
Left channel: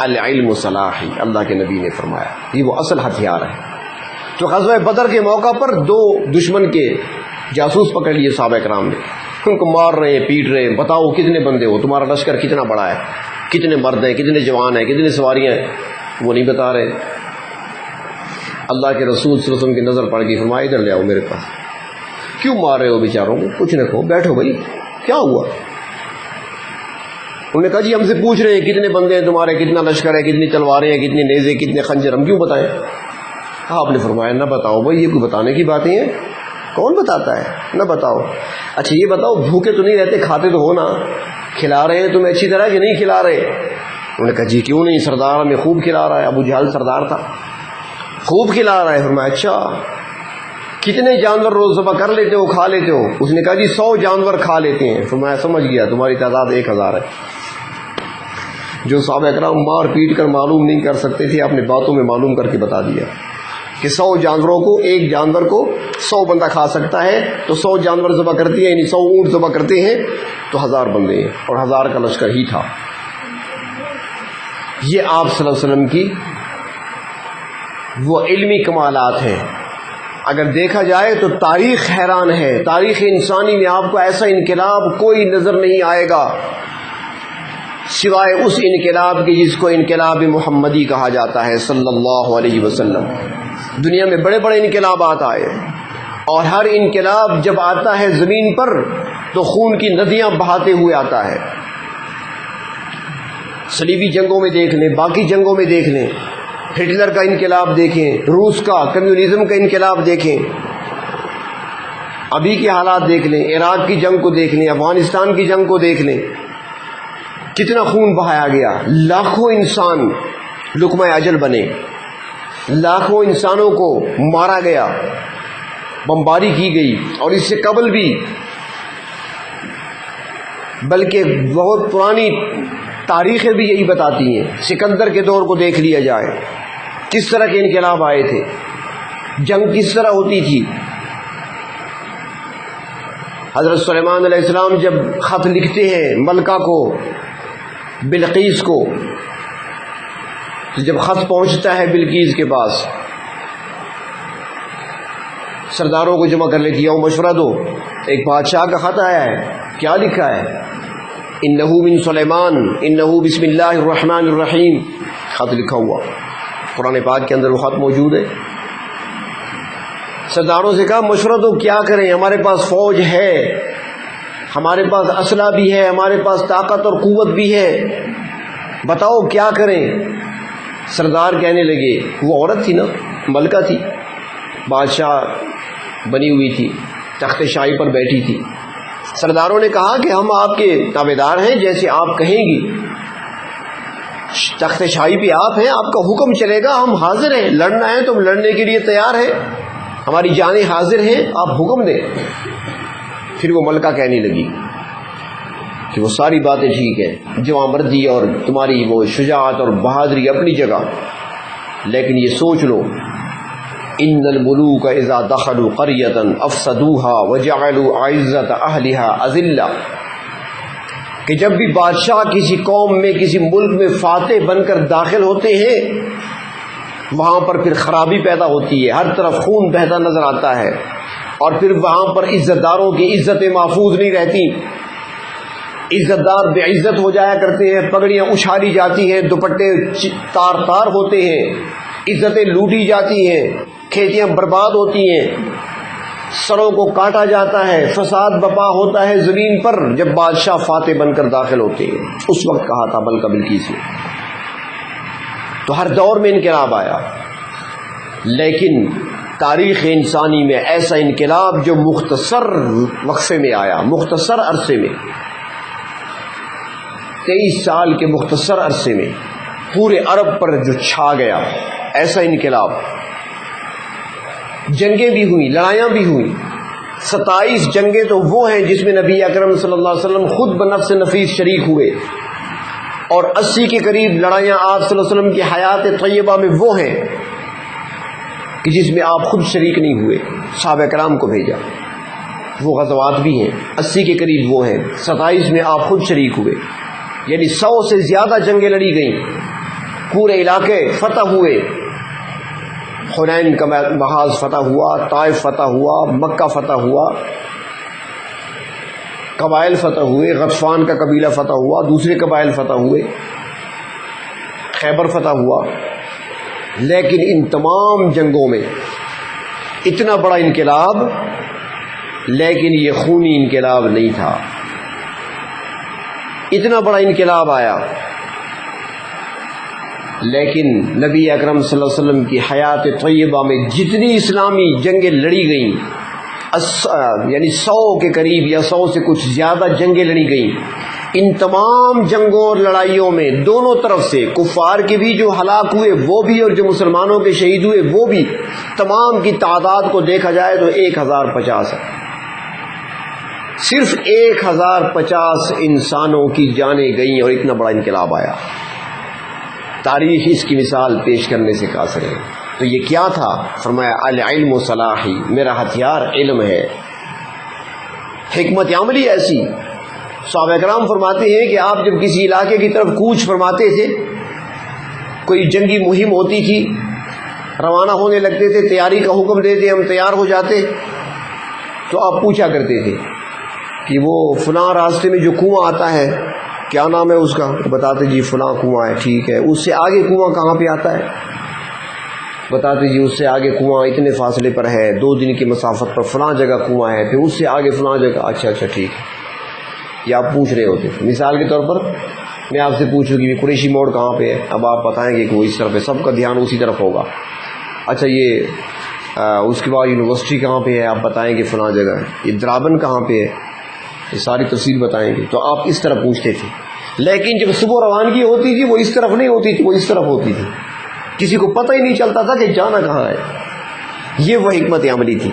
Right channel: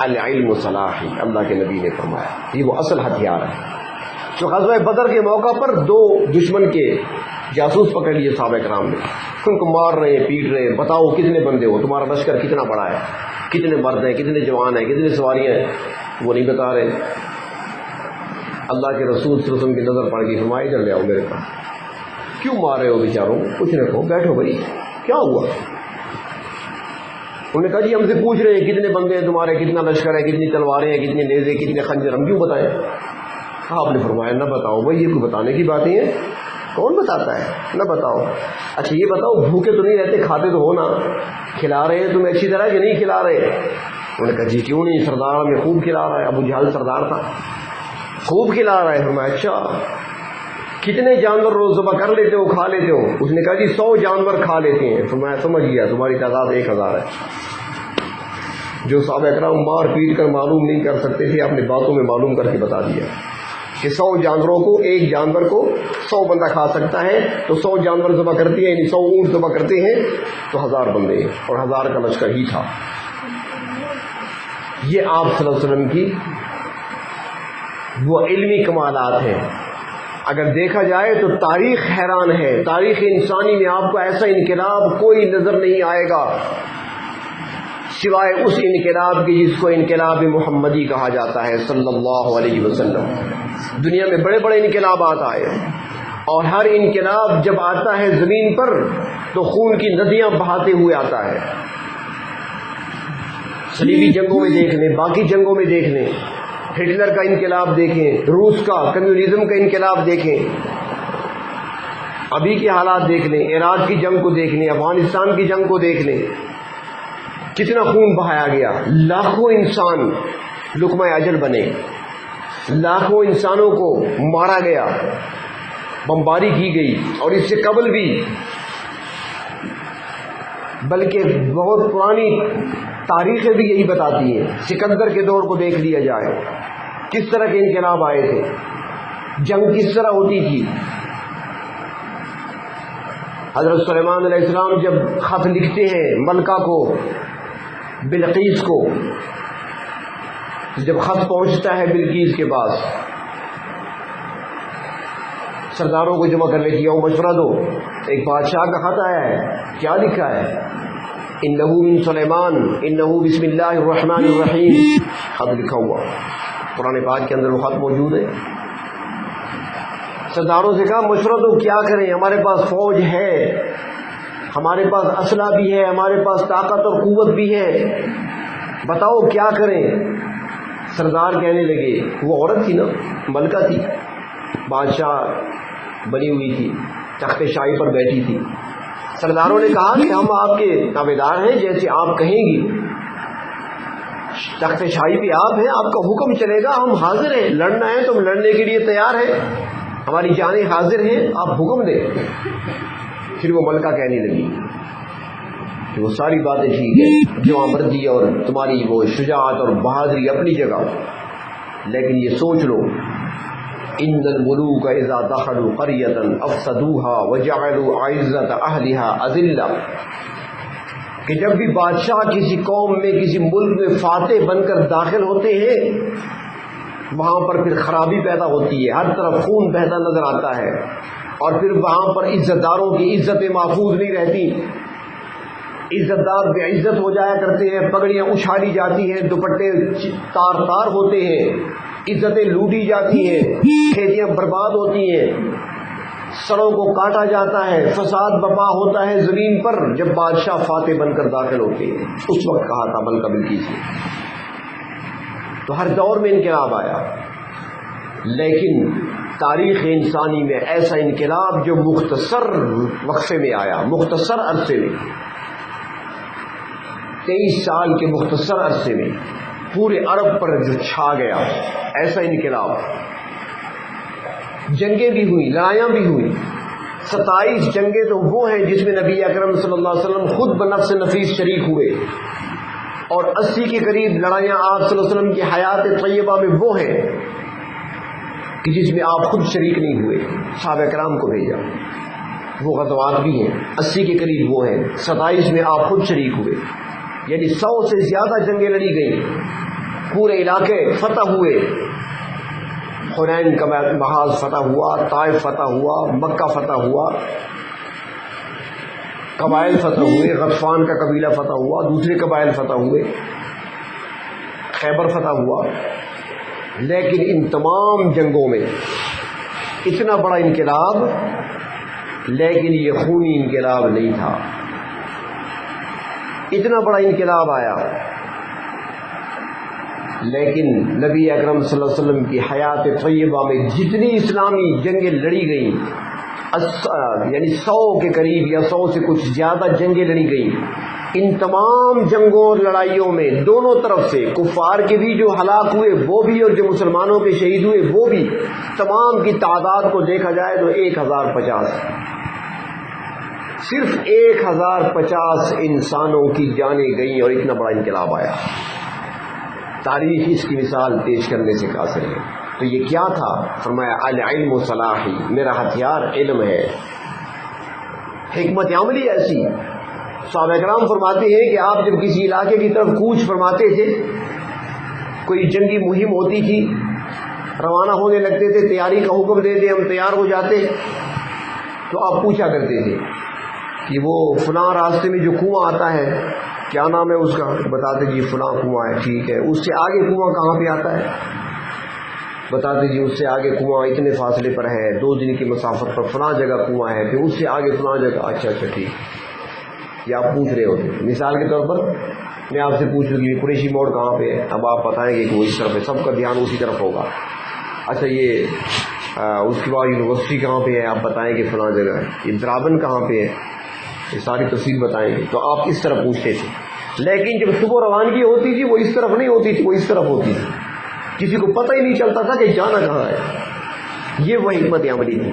العلم سلاحی، اللہ کے نبی نے فرمایا یہ وہ اصل ہتھیار ہے۔ تو غزوہ بدر کے موقع پر 2 دشمن کے جاسوس پکڑ لیے صحابہ کرام نے، ان کو مار رہے ہیں، پیٹ رہے ہیں، بتاؤ کتنے بندے ہو، تمہارا لشکر کتنا بڑا ہے، کتنے مرد ہیں، کتنے جوان ہیں، کتنے سواریاں ہیں، وہ نہیں بتا رہے۔ اللہ کے رسول صلی اللہ علیہ وسلم کی نظر پڑ گئی، فرمایا ادھر لے آؤ میرے پاس، کیوں مار رہے ہو بیچاروں کو، کچھ نہ کہو، بیٹھو بھائی، کیا ہوا؟ انہوں نے کہا جی ہم سے پوچھ رہے ہیں کتنے بندے ہیں تمہارے، کتنا لشکر ہے، کتنی تلواریں ہیں، کتنے نیزے، کتنے خنجر، ہم کیوں بتائیں؟ آپ نے فرمایا نہ بتاؤ بھائی، یہ کوئی بتانے کی باتیں ہیں، کون بتاتا ہے، نہ بتاؤ۔ اچھا یہ بتاؤ بھوکے تو نہیں رہتے، کھاتے تو ہو نا، کھلا رہے ہیں تمہیں اچھی طرح کہ نہیں کھلا رہے؟ انہوں نے کہا جی کیوں نہیں، سردار ہمیں خوب کھلا رہا ہے، ابو جہل سردار تھا، خوب کھلا رہا ہے۔ فرمایا اچھا کتنے جانور روز ذبح کر لیتے ہو، کھا لیتے ہو؟ اس نے کہا جی 100 جانور کھا لیتے ہیں۔ فرمایا سمجھ گیا، تمہاری تعداد 1000 ہے۔ جو صحابہ کرام مار پیٹ کر معلوم نہیں کر سکتے تھے، آپ نے باتوں میں معلوم کر کے بتا دیا کہ 100 جانوروں کو، ایک جانور کو 100 بندہ کھا سکتا ہے، تو 100 جانور ذبح کرتے ہیں، یعنی 100 اونٹ ذبح کرتے ہیں تو 1000 بندے، اور 1000 کا لشکر ہی تھا۔ یہ آپ صلی اللہ علیہ وسلم کی وہ علمی کمالات ہیں۔ اگر دیکھا جائے تو تاریخ حیران ہے، تاریخ انسانی میں آپ کو ایسا انقلاب کوئی نظر نہیں آئے گا سوائے اس انقلاب کے جس کو انقلاب محمدی کہا جاتا ہے صلی اللہ علیہ وسلم۔ دنیا میں بڑے بڑے انقلابات آئے، اور ہر انقلاب جب آتا ہے زمین پر تو خون کی ندیاں بہاتے ہوئے آتا ہے۔ صلیبی جنگوں میں دیکھ لیں، باقی جنگوں میں دیکھ لیں، ہٹلر کا انقلاب دیکھیں، روس کا کمیونزم کا انقلاب دیکھیں، ابھی کے حالات دیکھ لیں، عراق کی جنگ کو دیکھ لیں، افغانستان کی جنگ کو دیکھ لیں، کتنا خون بہایا گیا، لاکھوں انسان لقمہ اجل بنے، لاکھوں انسانوں کو مارا گیا، بمباری کی گئی، اور اس سے قبل بھی، بلکہ بہت پرانی تاریخیں بھی یہی بتاتی ہیں۔ سکندر کے دور کو دیکھ لیا جائے، کس طرح کے انقلاب آئے تھے، جنگ کس طرح ہوتی تھی۔ حضرت سلیمان علیہ السلام جب خط لکھتے ہیں ملکہ کو، بلقیس کو، جب خط پہنچتا ہے بلقیس کے پاس، سرداروں کو جمع کر لیتی ہے، مشورہ دو، ایک بادشاہ کا خط آیا ہے، کیا لکھا ہے؟ انہو من سلیمان انہو بسم اللہ الرحمن الرحیم، خط لکھا ہوا قرآن پاک کے اندر، وہ خط موجود ہے۔ سرداروں سے کہا مشورہ دو، کیا کریں، ہمارے پاس فوج ہے، ہمارے پاس اسلحہ بھی ہے، ہمارے پاس طاقت اور قوت بھی ہے، بتاؤ کیا کریں۔ سردار کہنے لگے، وہ عورت تھی نا، ملکہ تھی، بادشاہ بنی ہوئی تھی، تخت شاہی پر بیٹھی تھی۔ سرداروں نے کہا کہ ہم آپ کے تابعدار ہیں، جیسے آپ کہیں گی، تخت شاہی پہ آپ ہیں، آپ کا حکم چلے گا، ہم حاضر ہیں، لڑنا ہے تو ہم لڑنے کے لیے تیار ہیں، ہماری جانیں حاضر ہیں، آپ حکم دیں۔ پھر وہ ملکہ کہنے لگی کہ وہ ساری باتیں ٹھیک ہے، جو مردی اور تمہاری وہ شجاعت اور بہادری اپنی جگہ، لیکن یہ سوچ لو، ان الملوک اذا دخلوا قریۃ افسدوها وجعلوا اعزۃ اہلها اذلہ، کہ جب بھی بادشاہ کسی قوم میں، کسی ملک میں فاتح بن کر داخل ہوتے ہیں، وہاں پر پھر خرابی پیدا ہوتی ہے، ہر طرف خون بہتا نظر آتا ہے، اور پھر وہاں پر عزت داروں کی عزتیں محفوظ نہیں رہتی، عزت دار بے عزت ہو جایا کرتے ہیں، پگڑیاں اچھالی جاتی ہیں، دوپٹے تار تار ہوتے ہیں، عزتیں لوٹی جاتی ہیں، کھیتیاں برباد ہوتی ہیں، سروں کو کاٹا جاتا ہے، فساد بپا ہوتا ہے زمین پر جب بادشاہ فاتح بن کر داخل ہوتے ہیں۔ اس وقت کہا تھا ملکہ بلقیس نے۔ تو ہر دور میں انقلاب آیا، لیکن تاریخ انسانی میں ایسا انقلاب جو مختصر وقفے میں آیا، مختصر عرصے میں، 23 سال کے مختصر عرصے میں پورے عرب پر جو چھا گیا، ایسا انقلاب۔ جنگیں بھی ہوئیں، لڑائیاں بھی ہوئیں۔ 27 جنگیں تو وہ ہیں جس میں نبی اکرم صلی اللہ علیہ وسلم خود بنفس نفیس شریک ہوئے، اور 80 کے قریب لڑائیاں آپ صلی اللہ علیہ وسلم کی حیات طیبہ میں وہ ہیں کہ جس میں آپ خود شریک نہیں ہوئے، صحابہ کرام کو بھیجا۔ وہ غزوات بھی ہیں، 80 کے قریب وہ ہیں، 27 میں آپ خود شریک ہوئے، یعنی 100 سے زیادہ جنگیں لڑی گئیں، پورے علاقے فتح ہوئے۔ حنین کا محاذ فتح ہوا، طائف فتح ہوا، مکہ فتح ہوا، قبائل فتح ہوئے، غطفان کا قبیلہ فتح ہوا، دوسرے قبائل فتح ہوئے، خیبر فتح ہوا۔ لیکن ان تمام جنگوں میں اتنا بڑا انقلاب، لیکن یہ خونی انقلاب نہیں تھا۔ اتنا بڑا انقلاب آیا، لیکن نبی اکرم صلی اللہ علیہ وسلم کی حیات طیبہ میں جتنی اسلامی جنگیں لڑی گئیں، یعنی 100 کے قریب یا 100 سے کچھ زیادہ جنگیں لڑی گئیں، ان تمام جنگوں اور لڑائیوں میں دونوں طرف سے کفار کے بھی جو ہلاک ہوئے وہ بھی، اور جو مسلمانوں کے شہید ہوئے وہ بھی، تمام کی تعداد کو دیکھا جائے تو 1050 ہے۔ صرف 1050 انسانوں کی جانیں گئیں اور اتنا بڑا انقلاب آیا۔ تاریخ اس کی مثال پیش کرنے سے قاصر ہے۔ تو یہ کیا تھا؟ فرمایا العلم صلاحی، میرا ہتھیار علم ہے۔ حکمت عملی ایسی، صحابہ کرام فرماتے ہیں کہ آپ جب کسی علاقے کی طرف کوچ فرماتے تھے، کوئی جنگی مہم ہوتی تھی، روانہ ہونے لگتے تھے، تیاری کا حکم دیتے، ہم تیار ہو جاتے، تو آپ پوچھا کرتے تھے کہ وہ فلاں راستے میں جو کنواں آتا ہے کیا نام ہے اس کا؟ بتاتے جی فلاں کنواں ہے، ٹھیک ہے۔ اس سے آگے کنواں کہاں پہ آتا ہے؟ بتاتے جی اس سے آگے کنواں اتنے فاصلے پر ہے، 2 دن کی مسافت پر فلاں جگہ کنواں ہے، پھر اس سے آگے فلاں جگہ۔ اچھا ٹھیک، یہ آپ پوچھ رہے ہوتے۔ مثال کے طور پر میں آپ سے پوچھوں کہ قریشی موڑ کہاں پہ ہے، اب آپ بتائیں گے کہ وہ اس طرف ہے، سب کا دھیان اسی طرف ہوگا۔ اچھا یہ اس کے بعد یونیورسٹی کہاں پہ ہے، آپ بتائیں گے فلاں جگہ ہے۔ یہ درابن کہاں پہ ہے، یہ ساری تفصیل بتائیں گے۔ تو آپ اس طرح پوچھتے تھے، لیکن جب صبح روانگی ہوتی تھی وہ اس طرف نہیں ہوتی تھی، وہ اس طرف ہوتی تھی، کسی کو پتہ ہی نہیں چلتا تھا کہ جانا کہاں ہے۔ یہ وہ حکمت عملی تھی۔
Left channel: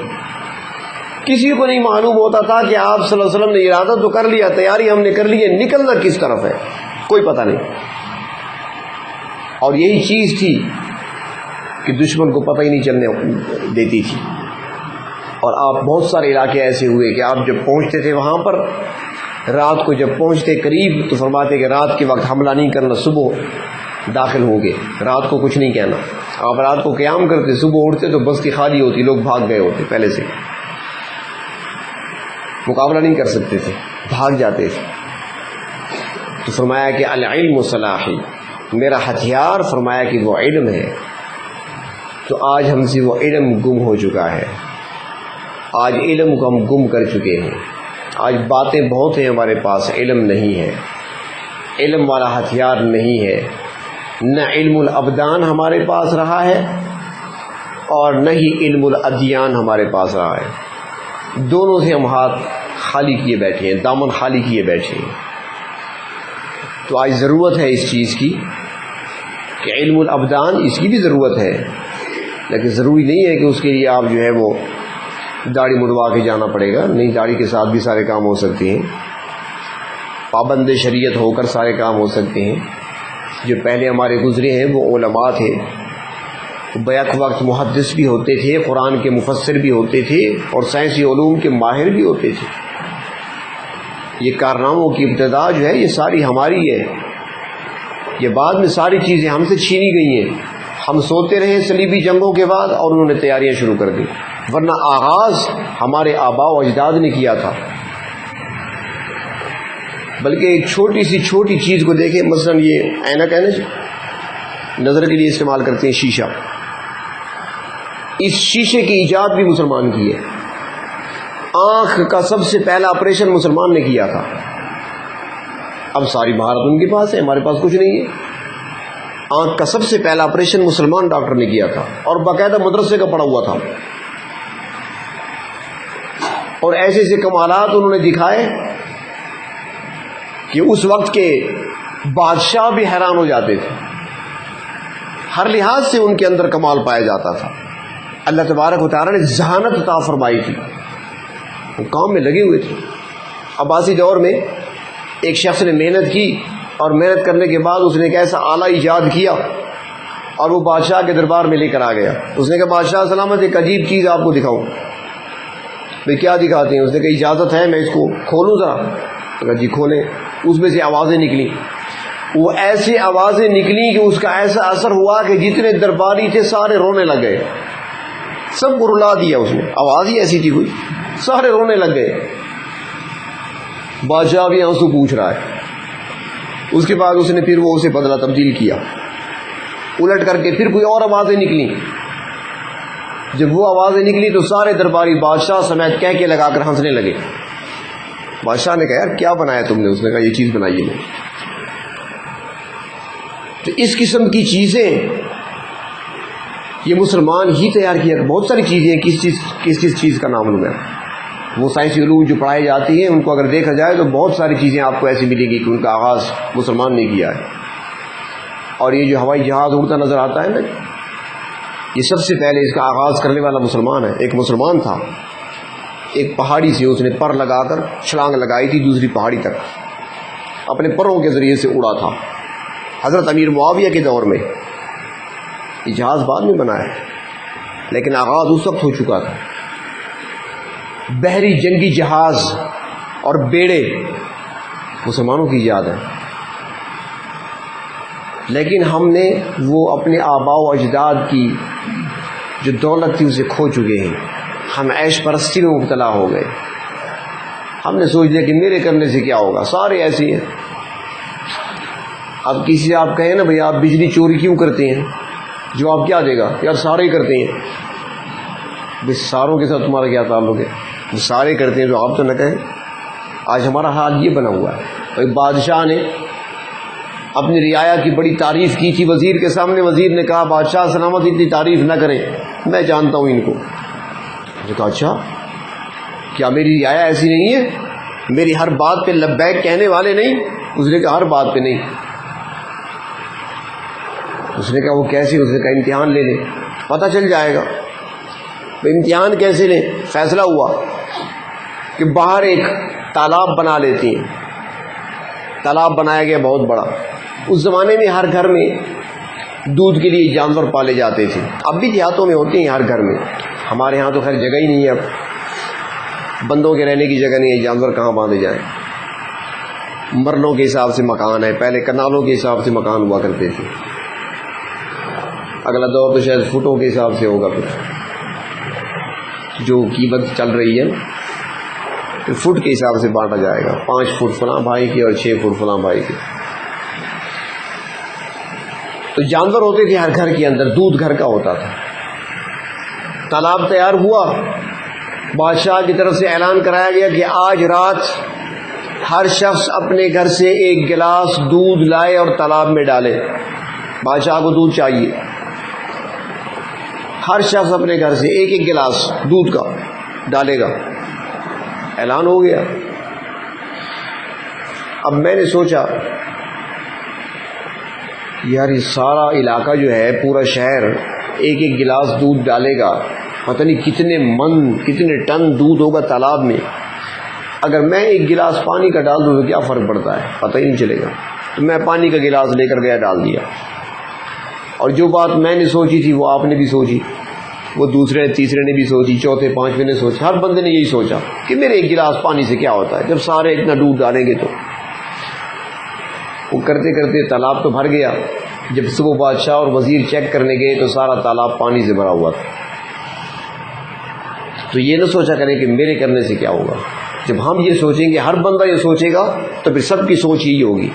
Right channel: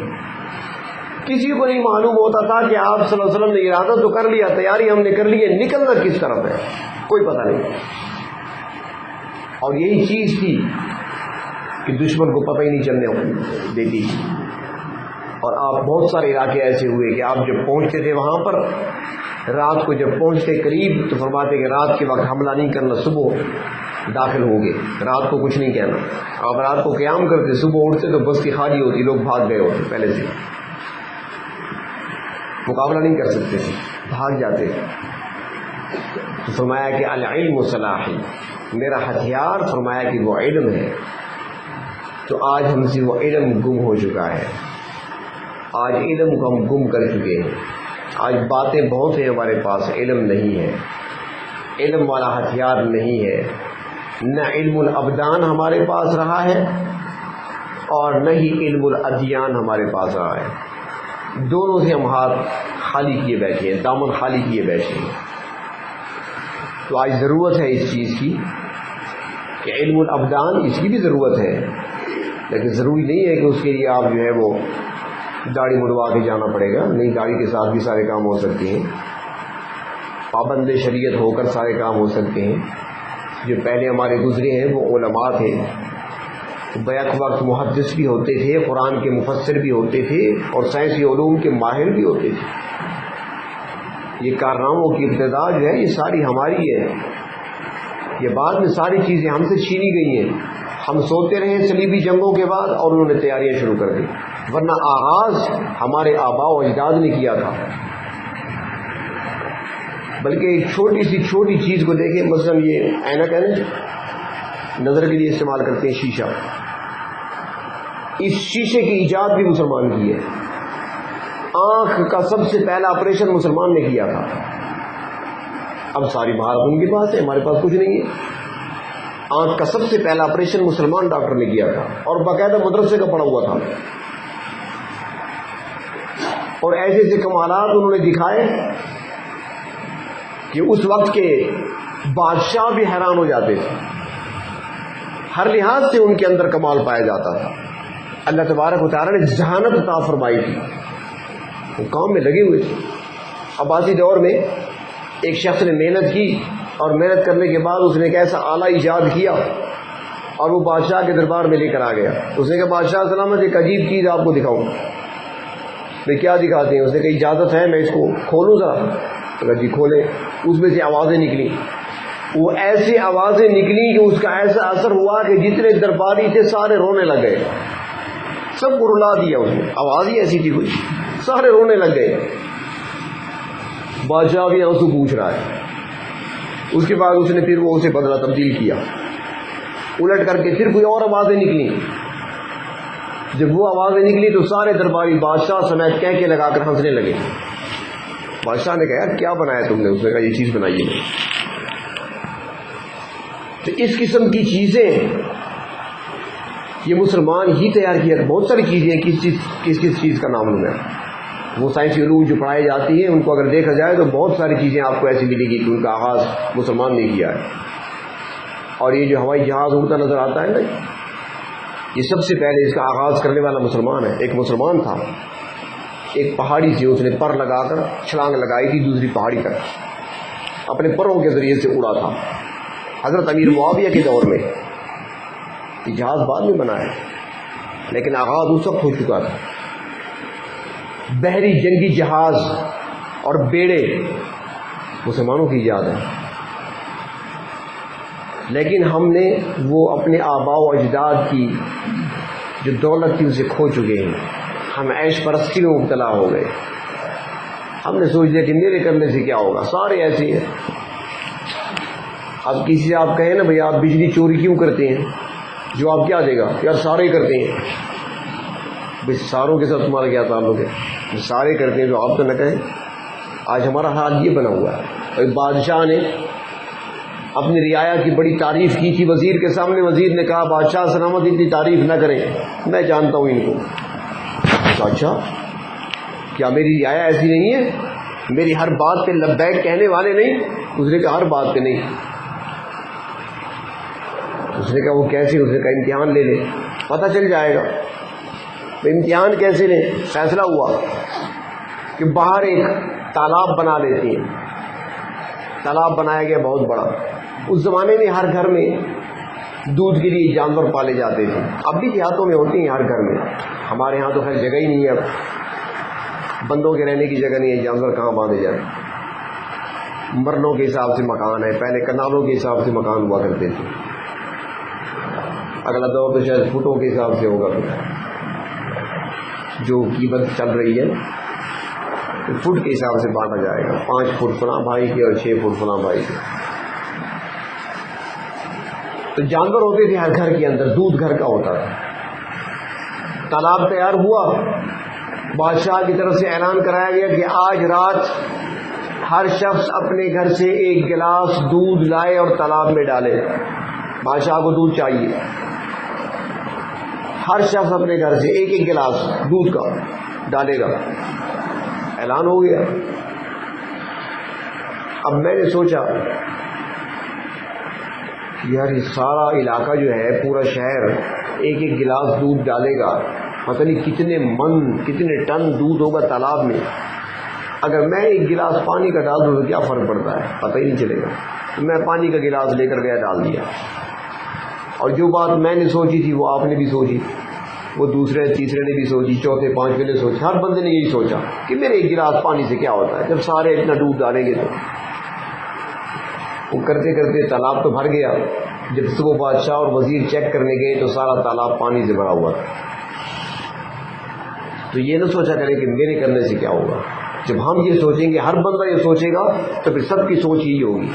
کسی کو نہیں معلوم ہوتا تھا کہ آپ صلی اللہ علیہ وسلم نے ارادہ تو کر لیا، تیاری ہم نے کر لی ہے، نکلنا کس طرف ہے کوئی پتہ نہیں۔ اور یہی چیز تھی کہ دشمن کو پتہ ہی نہیں چلنے دیتی تھی۔ اور آپ بہت سارے علاقے ایسے ہوئے کہ آپ جب پہنچتے تھے وہاں پر، رات کو جب پہنچتے قریب تو فرماتے کہ رات کے وقت حملہ نہیں کرنا، صبح داخل ہو گئے، رات کو کچھ نہیں کہنا۔ آپ رات کو قیام کرتے، صبح اٹھتے تو بستی خالی ہوتی، لوگ بھاگ گئے ہوتے، پہلے سے مقابلہ نہیں کر سکتے تھے، بھاگ جاتے تھے۔ تو فرمایا کہ العلم صلاحی، میرا ہتھیار فرمایا کہ وہ علم ہے۔ تو آج ہم سے وہ علم گم ہو چکا ہے، آج علم کو ہم گم کر چکے ہیں۔ آج باتیں بہت ہیں ہمارے پاس، علم نہیں ہے، علم والا ہتھیار نہیں ہے۔ نہ علم الابدان ہمارے پاس رہا ہے اور نہ ہی علم الادیان ہمارے پاس رہا ہے۔ دونوں سے ہم ہاتھ خالی کیے بیٹھے ہیں، دامن خالی کیے بیٹھے ہیں۔ تو آج ضرورت ہے اس چیز کی کہ علم الابدان، اس کی بھی ضرورت ہے، لیکن ضروری نہیں ہے کہ اس کے لیے آپ جو ہے وہ داڑھی مڑوا کے جانا پڑے گا، نہیں، داڑھی کے ساتھ بھی سارے کام ہو سکتے ہیں، پابند شریعت ہو کر سارے کام ہو سکتے ہیں۔ جو پہلے ہمارے گزرے ہیں وہ علماء تھے، بیک وقت محدث بھی ہوتے تھے، قرآن کے مفسر بھی ہوتے تھے، اور سائنسی علوم کے ماہر بھی ہوتے تھے۔ یہ کارناموں کی ابتدا جو ہے یہ ساری ہماری ہے، یہ بعد میں ساری چیزیں ہم سے چھینی گئی ہیں۔ ہم سوتے رہے صلیبی جنگوں کے بعد اور انہوں نے تیاریاں شروع کر دی، ورنہ آغاز ہمارے آباء و اجداد نے کیا تھا۔ بلکہ ایک چھوٹی سی چھوٹی چیز کو دیکھیں، مثلا یہ اینک ہے نا، نظر کے لیے استعمال کرتے ہیں شیشہ، اس شیشے کی ایجاد بھی مسلمان کی ہے۔ آنکھ کا سب سے پہلا آپریشن مسلمان نے کیا تھا۔ اب ساری مہارت ان کے پاس ہے، ہمارے پاس کچھ نہیں ہے۔ آنکھ کا سب سے پہلا آپریشن مسلمان ڈاکٹر نے کیا تھا، اور باقاعدہ مدرسے کا پڑھا ہوا تھا۔ اور ایسے ایسے کمالات انہوں نے دکھائے کہ اس وقت کے بادشاہ بھی حیران ہو جاتے تھے. ہر لحاظ سے ان کے اندر کمال پایا جاتا تھا. اللہ تبارک و تعالیٰ نے ذہانت عطا فرمائی تھی, وہ کام میں لگے ہوئے تھے. عباسی دور میں ایک شخص نے محنت کی اور محنت کرنے کے بعد اس نے ایک ایسا آلہ ایجاد کیا اور وہ بادشاہ کے دربار میں لے کر آ گیا. اس نے کہا بادشاہ سلامت, ایک عجیب چیز آپ کو دکھاؤں. بھائی کیا دکھاتے ہیں؟ اس نے کہا اجازت ہے میں اس کو کھولوں ذرا. کہا جی کھولیں. اس میں سے آوازیں نکلی, وہ ایسی آوازیں نکلی کہ اس کا ایسا اثر ہوا کہ جتنے درباری تھے سارے رونے لگ گئے. سب کو رلا دیا اس نے, آواز ہی ایسی تھی کوئی, سارے رونے لگ گئے. بادشاہ بھی آنسو پوچھ رہا ہے. اس کے بعد اس نے پھر وہ اسے بدلا تبدیل کیا, الٹ کر کے پھر کوئی اور آوازیں نکلی. جب وہ آوازیں نکلی تو سارے درباری بادشاہ سمیت کہہ کے لگا کر ہنسنے لگے. بادشاہ نے کہا کیا بنایا تم نے؟ اس نے کہا یہ چیز بنائی ہے. تو اس قسم کی چیزیں یہ مسلمان ہی تیار کیا. بہت ساری چیزیں کس چیز کا نام لوں. وہ سائنسی علوم جو پڑھائی جاتی ہیں ان کو اگر دیکھا جائے تو بہت ساری چیزیں آپ کو ایسی ملے گی کہ ان کا آغاز مسلمان نے کیا ہے. اور یہ جو ہوائی جہاز اڑتا نظر آتا ہے نا, یہ سب سے پہلے اس کا آغاز کرنے والا مسلمان ہے. ایک مسلمان تھا, ایک پہاڑی سے اس نے پر لگا کر چھلانگ لگائی تھی دوسری پہاڑی تک, اپنے پروں کے ذریعے سے اڑا تھا. حضرت امیر معاویہ کے دور میں. یہ جہاز بعد میں بنا ہے لیکن آغاز اس وقت ہو چکا تھا. بحری جنگی جہاز اور بیڑے مسلمانوں کی ایجاد ہے, لیکن ہم نے وہ اپنے آباء و اجداد کی جو دولت تھی اسے کھو چکے ہیں. ہم عیش پرستی میں مبتلا ہو گئے. ہم نے سوچ لیا کہ میرے کرنے سے کیا ہوگا, سارے ایسے ہیں. اب کسی سے آپ کہیں نا بھئی آپ بجلی چوری کیوں کرتے ہیں, جواب کیا دے گا؟ یار سارے ہی کرتے ہیں. بھئی ساروں کے ساتھ تمہارا کیا تعلق ہے؟ سارے کرتے ہیں تو آپ تو نہ کہیں. آج ہمارا حال یہ بنا ہوا ہے. ایک بادشاہ نے اپنی رعایا کی بڑی تعریف کی تھی وزیر کے سامنے. وزیر نے کہا بادشاہ سلامت اتنی تعریف نہ کریں, میں جانتا ہوں ان کو. تو اچھا کیا میری رعایا ایسی نہیں ہے؟ میری ہر بات پہ لبیک کہنے والے نہیں؟ اس نے کہا ہر بات پہ نہیں. اس نے کہا وہ کیسے؟ اس نے کہا امتحان لے لیں پتہ چل جائے گا. امتحان کیسے لیں؟ فیصلہ ہوا کہ باہر ایک تالاب بنا لیتے ہیں. تالاب بنایا گیا بہت بڑا. اس زمانے میں ہر گھر میں دودھ کے لیے جانور پالے جاتے تھے. اب بھی دیہاتوں میں ہوتے ہیں ہر گھر میں. ہمارے ہاں تو خیر جگہ ہی نہیں ہے, اب بندوں کے رہنے کی جگہ نہیں ہے, جانور کہاں باندھے جائیں. مرلوں کے حساب سے مکان ہے, پہلے کنالوں کے حساب سے مکان ہوا کرتے تھے. اگلا دور تو شاید فٹوں کے حساب سے ہوگا کچھ جو قیمت چل رہی ہے, فٹ کے حساب سے بانٹا جائے گا. 5 فٹ فلاں بھائی کے اور 6 فٹ فلاں بھائی کے. تو جانور ہوتے تھے ہر گھر کے اندر, دودھ گھر کا ہوتا تھا. تالاب تیار ہوا, بادشاہ کی طرف سے اعلان کرایا گیا کہ آج رات ہر شخص اپنے گھر سے 1 گلاس دودھ لائے اور تالاب میں ڈالے. بادشاہ کو دودھ چاہیے. ہر شخص اپنے گھر سے 1 گلاس دودھ کا ڈالے گا. اعلان ہو گیا. اب میں نے سوچا یار یہ سارا علاقہ جو ہے, پورا شہر 1 گلاس دودھ ڈالے گا, پتہ نہیں کتنے من کتنے ٹن دودھ ہوگا تالاب میں. اگر میں 1 گلاس پانی کا ڈال دوں تو کیا فرق پڑتا ہے؟ پتہ ہی نہیں چلے گا. تو میں پانی کا گلاس لے کر گیا, ڈال دیا. اور جو بات میں نے سوچی تھی وہ آپ نے بھی سوچی, وہ دوسرے تیسرے نے بھی سوچی, چوتھے پانچویں نے سوچی. ہر بندے نے یہی سوچا کہ میرے 1 گلاس پانی سے کیا ہوتا ہے, جب سارے اتنا دودھ ڈالیں گے. تو وہ کرتے کرتے تالاب تو بھر گیا. جب صبح بادشاہ اور وزیر چیک کرنے گئے تو سارا تالاب پانی سے بھرا ہوا تھا. تو یہ نہ سوچا کریں کہ میرے کرنے سے کیا ہوگا. جب ہم یہ سوچیں گے, ہر بندہ یہ سوچے گا, تو پھر سب کی سوچ یہی ہوگی.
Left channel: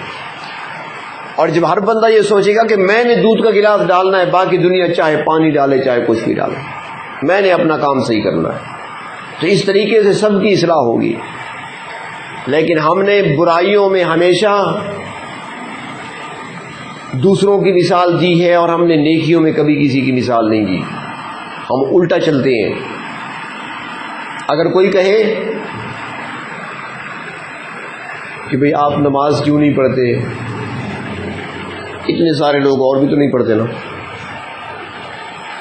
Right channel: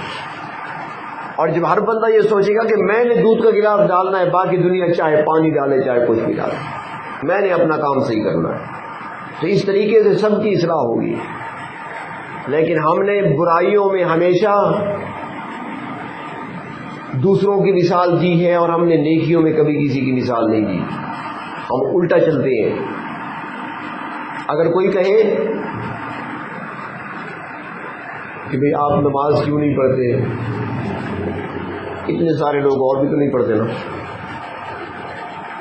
اور جب ہر بندہ یہ سوچے گا کہ میں نے دودھ کا گلاس ڈالنا ہے, باقی دنیا چاہے پانی ڈالے چاہے کچھ بھی ڈالے, میں نے اپنا کام صحیح کرنا ہے, تو اس طریقے سے سب کی اصلاح ہوگی. لیکن ہم نے برائیوں میں ہمیشہ دوسروں کی مثال دی ہے اور ہم نے نیکیوں میں کبھی کسی کی مثال نہیں دی. ہم الٹا چلتے ہیں. اگر کوئی کہے کہ بھئی آپ نماز کیوں نہیں پڑھتے، اتنے سارے لوگ اور بھی تو نہیں پڑھتے نا،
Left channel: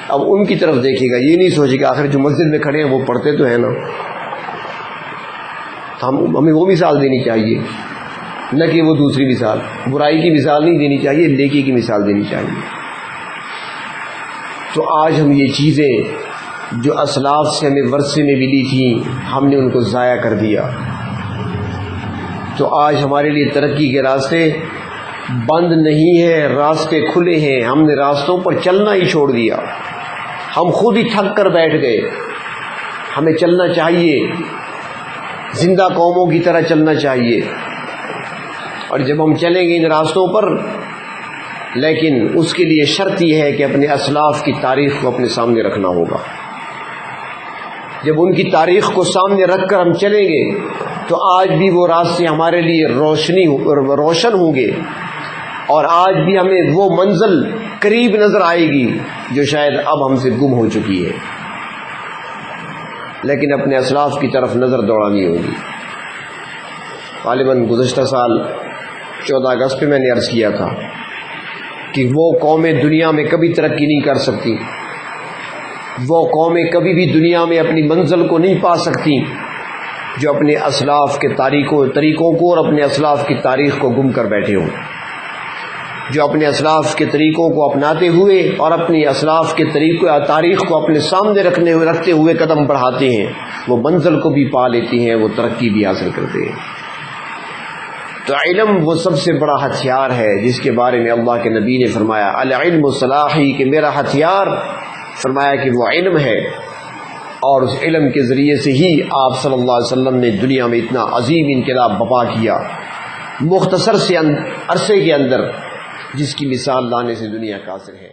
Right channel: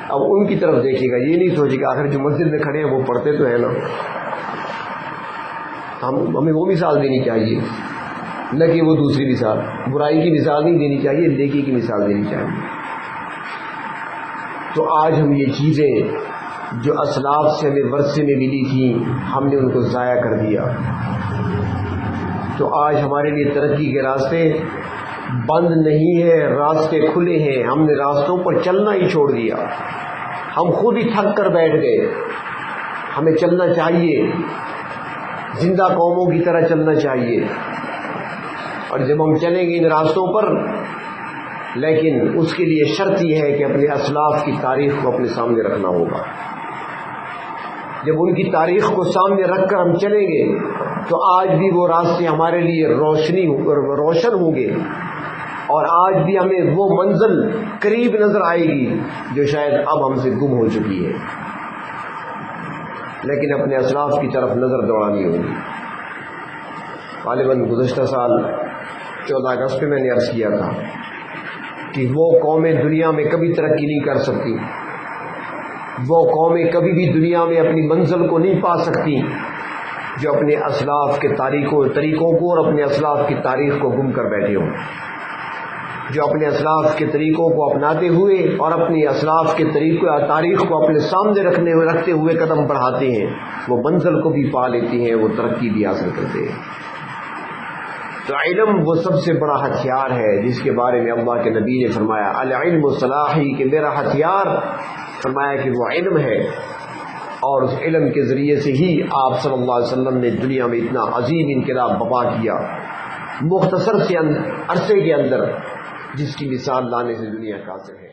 اب ان کی طرف دیکھے گا، یہ نہیں سوچے کہ آخر جو مسجد میں کھڑے ہیں وہ پڑھتے تو ہیں نا، ہمیں وہ مثال دینی چاہیے، نہ کہ وہ دوسری مثال، برائی کی مثال نہیں دینی چاہیے، نیکی کی مثال دینی چاہیے۔ تو آج ہم یہ چیزیں جو اسلاف سے ہمیں ورثے میں ملی تھیں، ہم نے ان کو ضائع کر دیا، تو آج ہمارے لیے ترقی کے راستے بند نہیں ہیں، راستے کھلے ہیں، ہم نے راستوں پر چلنا ہی چھوڑ دیا، ہم خود ہی تھک کر بیٹھ گئے۔ ہمیں چلنا چاہیے، زندہ قوموں کی طرح چلنا چاہیے، اور جب ہم چلیں گے ان راستوں پر، لیکن اس کے لیے شرط یہ ہے کہ اپنے اسلاف کی تاریخ کو اپنے سامنے رکھنا ہوگا۔ جب ان کی تاریخ کو سامنے رکھ کر ہم چلیں گے تو آج بھی وہ راستے ہمارے لیے روشن ہوں گے، اور آج بھی ہمیں وہ منزل قریب نظر آئے گی جو شاید اب ہم سے گم ہو چکی ہے، لیکن اپنے اسلاف کی طرف نظر دوڑانی ہوگی۔ غالباً گزشتہ سال 14 اگست پہ میں نے عرض کیا تھا کہ وہ قومیں دنیا میں کبھی ترقی نہیں کر سکتی، وہ قومیں کبھی بھی دنیا میں اپنی منزل کو نہیں پا سکتی جو اپنے اسلاف کے طریقوں کو اور اپنے اسلاف کی تاریخ کو گم کر بیٹھے ہوں، جو اپنے اسلاف کے طریقوں کو اپناتے ہوئے اور اپنی اسلاف کے تاریخ کو اپنے سامنے رکھتے ہوئے قدم بڑھاتے ہیں، وہ منزل کو بھی پا لیتی ہیں، وہ ترقی بھی حاصل کرتے ہیں۔ تو علم وہ سب سے بڑا ہتھیار ہے جس کے بارے میں اللہ کے نبی نے فرمایا العلم صلاحی، کہ میرا ہتھیار، فرمایا کہ وہ علم ہے، اور اس علم کے ذریعے سے ہی آپ صلی اللہ علیہ وسلم نے دنیا میں اتنا عظیم انقلاب برپا کیا مختصر سے عرصے کے اندر، جس کی مثال لانے سے دنیا قاصر ہے۔